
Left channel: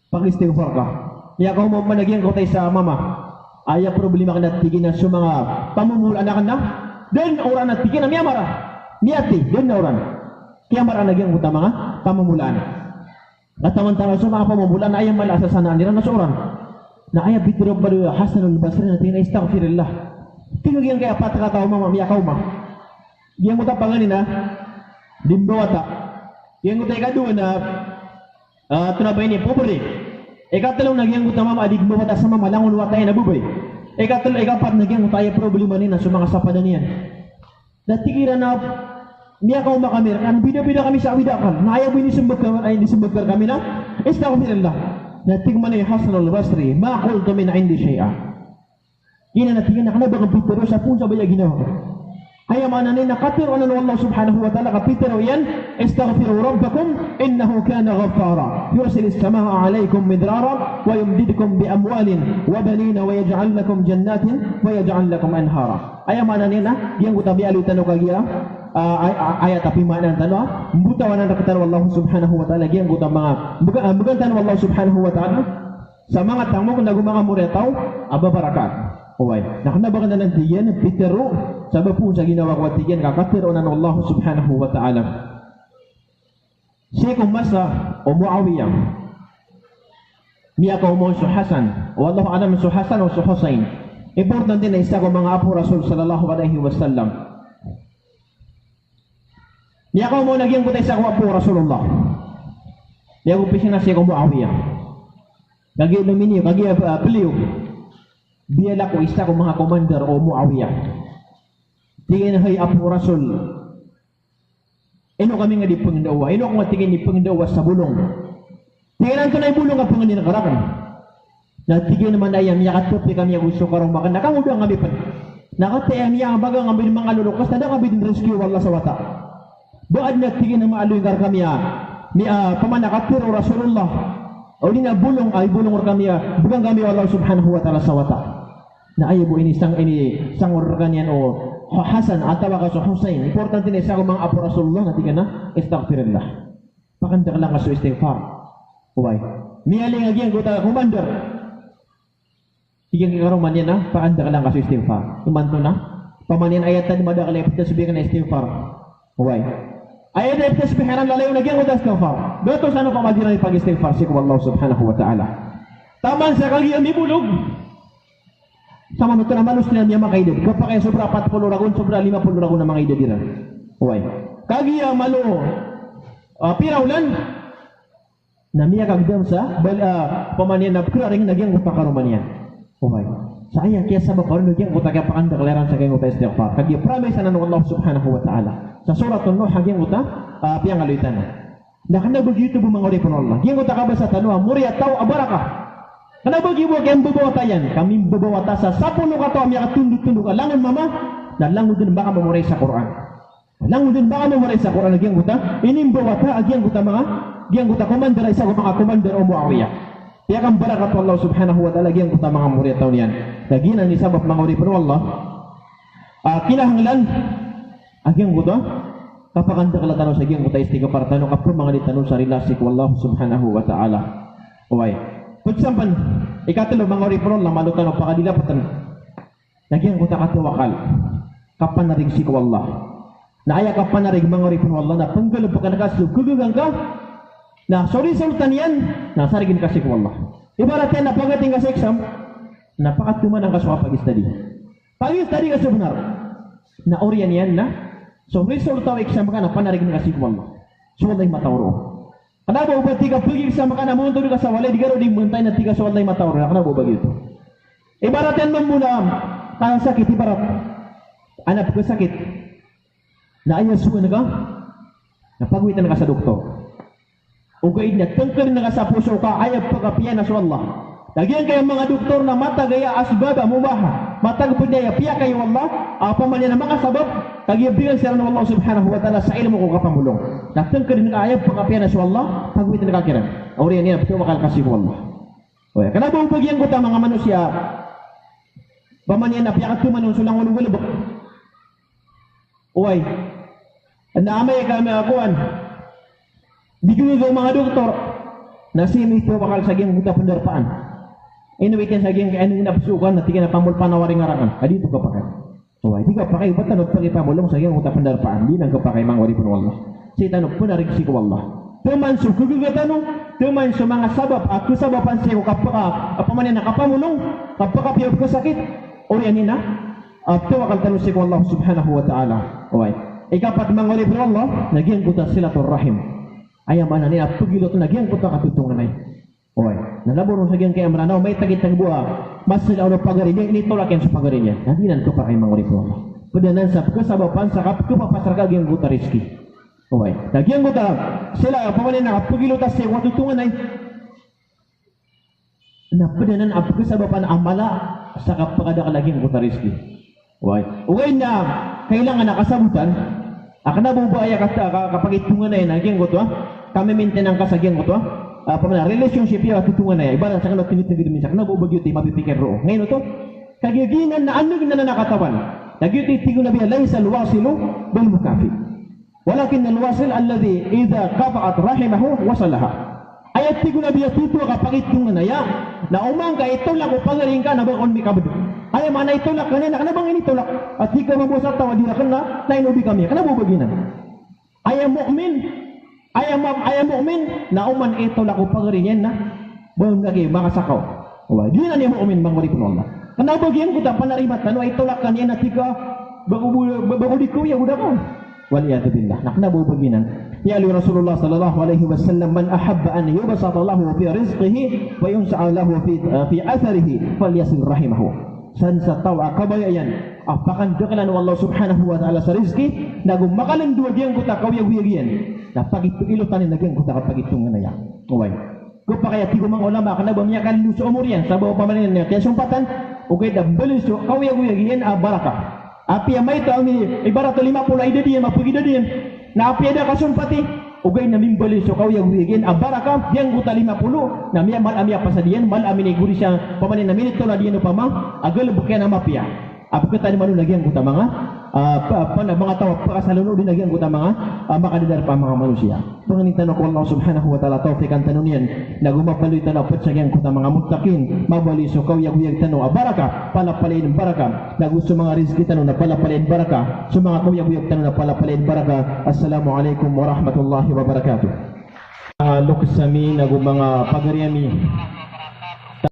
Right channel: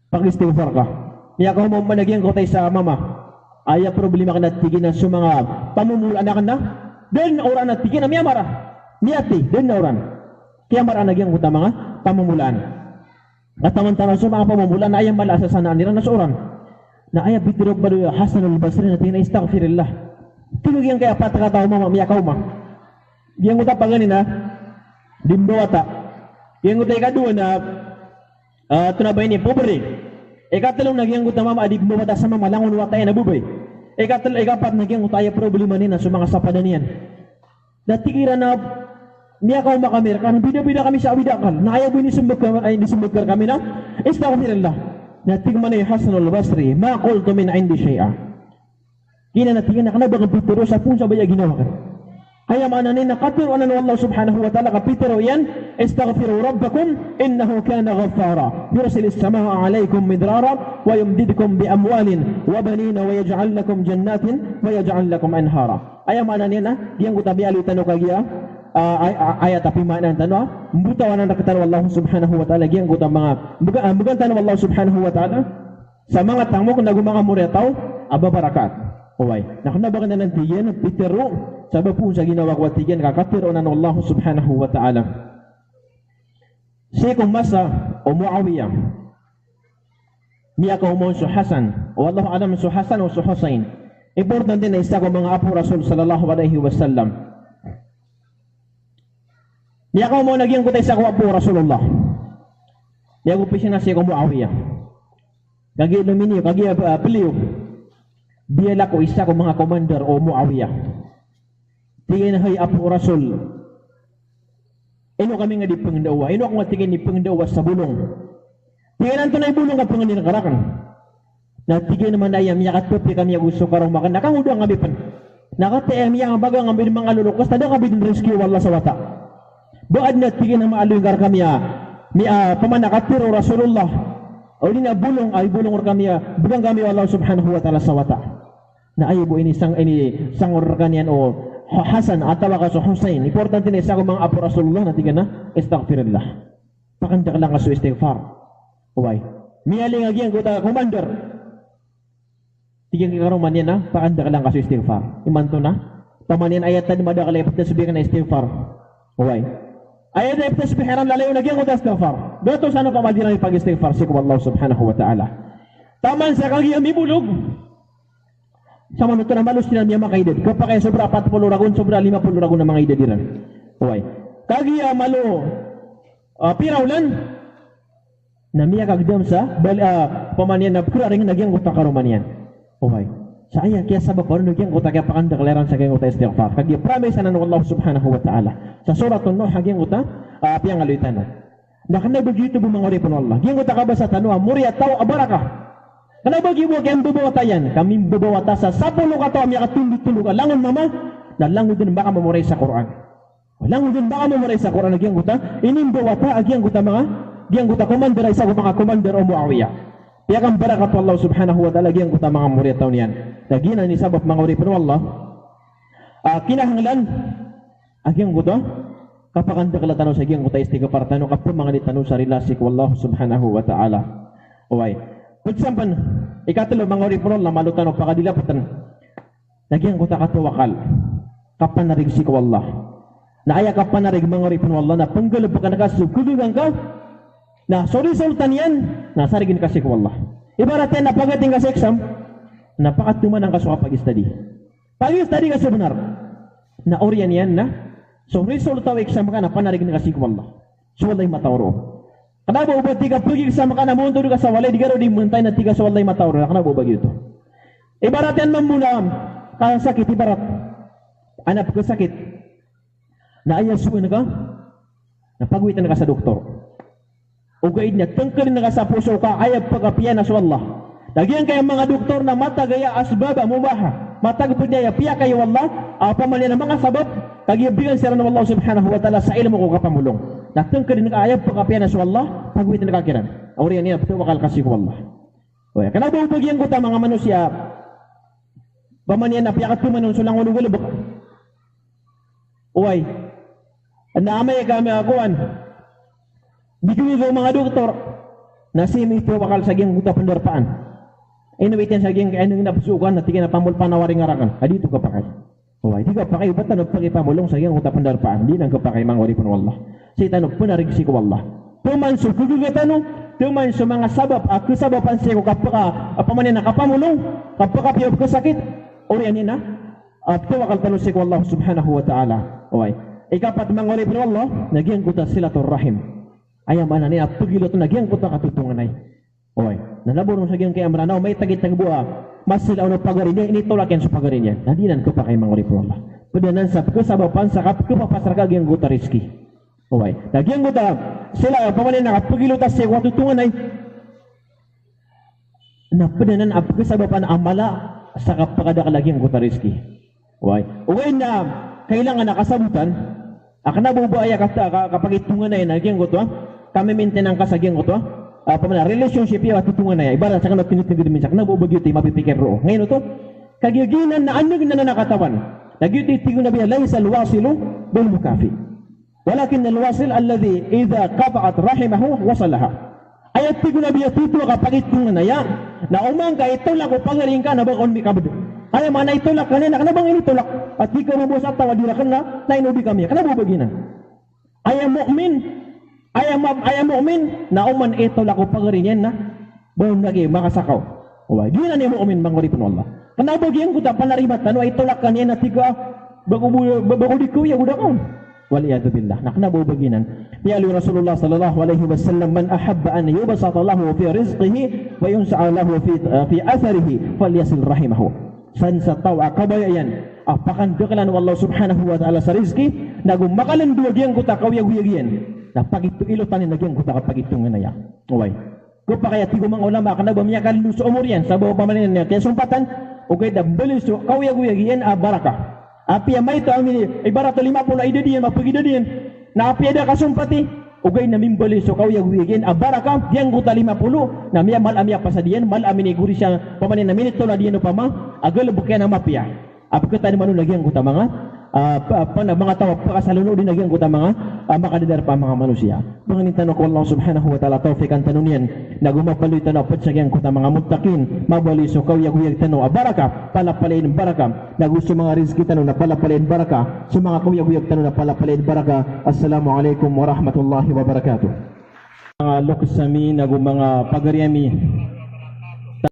Pag-istighfar ka. Miya ka mo managyan ko tayo sa mama. Ay problema ka na tiga na sa mga pamumulaan na ka na. Then orang na tiga na miya mara. Miyati, then na orang. Kaya marang nagyang buta mga pamumulaan. At taman-taman sa mga pamumulaan na ayaw malasa sa nila na seorang. Na ayaw bitirog ba doon Hasan al-Basri na tingin na istaghfirillah. Tinug yan kaya patakataw mama miyakaw ma. Yang buta panganin na dimbawata. Yang buta ikadua na tunabay ni pobre. Ikatalong nagyang buta mama adig bawata sa mama langon watay na bubay. Ikapat nagyang buta ayaw problema nina sa mga sapadan niyan. Natikira na niya kau makamir kan bida-bida kami sa awidakan na ayaw ini disembutkan kami na istaghfirullah nating manay Hasan al-Basri ma qultu min indi syai'a kina natingin na kanabang pitero sa punsa baya ginawa ka kaya mananin na katiro na Allah subhanahu wa ta'ala kapitero yan istaghfiru rabbakum innahu kana ghaffara yursilis samaha alaykum midrara wa yumdidukum bi amwalin wa banina wa yaj'al lakum jannatin wa yaj'al lakum anhara kaya mananin na yang kutabi alitan o kagiya ayat tapi makna tanwa buta wana nakatan Allah subhanahu wa ta'ala gyang guta mga bugan tanwa Allah subhanahu wa ta'ala sa mga tamo kung nagumanga muretaw aba barakat oy nakanabagan na ng tiyan pitero sabi po sa ginawa ko tiyan kakapiro na ng Allah subhanahu wa ta'ala si kumasa o Muawiyah niya ko mo su Hasan o Allah alam su Hasan o su Husain importante na isa ko mga apo Rasul sallallahu alaihi wasallam. Niya ko mo nagyang kutay sa kuwa po Rasulullah. Niya ko pisina siya ko Muawiyah. Kagi nominyo, kagi piliw. Diya ko isa ko mga commander o Muawiyah. Tingin hay apo Rasul. Ino kami nga di pangdawa. Ino ako matingin ni pangdawa sa bulong. Tingin to na bulong nga pangin karakan. Natigil naman ayam niya katupi kami gusto karong makan. Nakangudang kami pan. Nakatayam niya ang bagang ang mga lulukos. Tada kami din rescue wala sa wata. Doon na tingin na maaluy gar kami pamanakapiro Rasulullah o di na bulong ay bulong or kami bugang kami Allah subhanahu wa ta'ala sa wata na ayaw ini sang organyan o Hasan atawa ka sa Husain importante na isa ko mga apo Rasulullah na tingin na istaghfirullah pakandak lang ka sa istighfar uway miyaling agyan kuta commander tingin ka karoman yan na pakandak lang ka sa istighfar iman to na pamanin ayatan madakalipot na sabihin na istighfar uway ayat na iptas pihiran lalayo nagyang ko istighfar. Doto sa ano pamagiran pag-istighfar si Allah subhanahu wa ta'ala. Taman sa kagi ang ibulog. Sa mga ito na malus niya niya makaidad. Kapag kaya sobra 40 ragon, sobra 50 ragon na mga idadiran. Okay. Kagi ang malo pirawlan na miya kagdam sa pamanian na kuraring nagyang ko takaruman yan. Okay. Saya kaya sabab ko nagyang ko kaya pakandakleran sa kaya ko istighfar. Kagi promise na ng Allah subhanahu wa ta'ala. Sa surat Nuh haging uta piyang aluitan nakana begitu bumangori pun Allah ging uta kabasa tanua muriya tau abaraka kana bagi mo kayang bubawata yan kami bubawata sa 10 kato am yakatunduk-tunduk langan mama dan langan din baka mamuray sa Quran langan din baka mamuray sa Quran ging uta ini bubawata agyang uta mga ging uta commander isa ko mga commander o Muawiyah kaya kan baraka po Allah subhanahu wa ta'ala ging uta mga muriya tau niyan kagina ni sabab mangori pun Allah kinahanglan agyang guto kapakanda kala tanong sa agyang guto istighfar tanong kapag mga tanong sa relasi ko Allah subhanahu wa ta'ala uway pagsampan ikatalo mga oripron lang malutan o pakadilapatan agyang guto katawakal kapanarig si ko Allah na aya kapanarig mga oripron Allah na panggalap ka nakaslug kudugang ka na sorry sultan yan na sarigin kasi ko Allah ibarat yan napagating ka sa exam napakatuman ang kasuha pag-study ka sa benar na oriyan yan na So result tahu exam kana panarig na kasi ko Allah. So wallahi matawro. Kana ba ubay tiga tugi exam kana mo tudo ka sa walay digaro di muntay na tiga so wallahi matawro. Kana ba bagyo to. Ibarat yan muna kana sakit ibarat. Anak ko sakit. Na ayan suwi na ka. Napagwitan na ka sa doktor. Ugaid niya tengkel na ka sa puso ka ayab pagapiyan na so Allah. Lagian kayo mga doktor na mata gaya asbab mubaha. Mata gaya piya kayo Allah. Apa man yan ang mga sabab. Kagibigan sila ng Allah subhanahu wa ta'ala sa ilmu ko kapamulong. Natang ka rin ayab pagkapiyan na sa Allah. Pagwitin na kakiran. Auriyan niya betul makal kasih ko Allah. O yan. Kenapa bagian ko ta mga manusia. Paman yan na piyakat tumanon sulang ulubulubok. Uy. Naamay kami akuan. Di ko yung mga doktor. Nasim ito bakal saging buta pendarpaan. Inuwitin saging ano yung napasukan na tigil na pamulpan na waring ngarakan. Adi ito kapakay. Oh, di kapakay ba't tanong pagipamulong saging buta pendarpaan. Di nang kapakay mga waripon wallah. Si tanong punarig si ko wallah. Tuman so kugugatanong. Tuman so mga sabab. At kusabapan siya ko kapaka. Apamanin na kapamulong. Kapakapiyab ko sakit. Orianin na. At tuwakal tanong si ko Allah subhanahu wa ta'ala. Okay. Ikapat mga waripon wallah. Nagyan ko ta silatul rahim. Ayam mana ni at pagilo to nagyan ko ta katutungan ay. Oy, nalaboron sa gyang kay amranaw may tagit-tag buha. Mas sila ono pagarin niya initulaken sa pagarin niya. Nadinan ko pa kay mga ripo. Padanan sa kasabapan sa kapapasar ka gyang guta riski. Oy, nagyan guta sila pamanin na pagilo ta sa katutungan ay. Na padanan ang kasabapan amala sa kapakada ka guta riski. Oy, ugay na kailangan nakasabutan. Akna bubuaya kata kapag itungan na yan nagyan guto. Kami maintenance ka sa gyang guto. Pamana relationship ya tutungan na ibarat sa kanang tinutugid min sa kanang bubagyo ti mapipikir ro ngayon to kagiginan na ano na nakatawan nagyuti tigo na biya laysa alwasilu bil mukafi walakin alwasil alladhi idha qata'at rahimahu wasalaha ayat tigo na biya tutu ka pagitungan na ya na umang ka ito lang ko pagaring ka na bakon mi kabud ay mana ito lang kanina kana bang ini tulak at di ka mabusat tawadi ra kana taynobi kami kana bubaginan ay mu'min ayam mu'min na uman ito lako pagarinyan na bon lagi makasakaw. Wa di na ni mu'min manguri pun Allah. Kenapa gian kuda panarimat anu ito lakan yan natika bago di kuya udah ko. Waliyadu billah. Nak nabu baginan. Ya ali Rasulullah sallallahu alaihi wasallam man ahabba an yubsata lahu fi rizqihi wa yunsa'a lahu fi atharihi falyasil rahimahu. San sa tawa kabayan apakan dekalan Allah subhanahu wa ta'ala sa rizki nagum makalan dua gian kuta kawiyag-wiyagian na pagitu ilotanin na gian kuta kapagitu nga na ya uway ko pa kaya tigo mga ulama ka nagbamiyakan sa umur yan sa bawa pamanin niya kaya sumpatan okay da belis so kawiyag-wiyagian baraka api may ito ibarat 50 ay dadiyan mapagidadiyan na api ada kasumpati ugay na mimbali so kawiyag-wiyagian baraka yang kuta 50 na miya mal-amya pasadiyan mal-amin iguri siya pamanin na minito na diyan upama agal bukyan na mapya apakah tadi manu lagi yang kuta mga mga tao pakasalunod din lagi ang kuta mga makadidar pa mga manusia. Mga tanong ko Allah subhanahu wa ta'ala tawfikan tanong yan na gumapaloy tanong pat sa gyang kuta mga muttaqin mabali so kawiyag tanong baraka palapalain baraka na gusto mga rizki tanong na palapalain baraka so mga kawiyag tanong na palapalain baraka. Assalamualaikum warahmatullahi wabarakatuh. Luksami na mga pagariami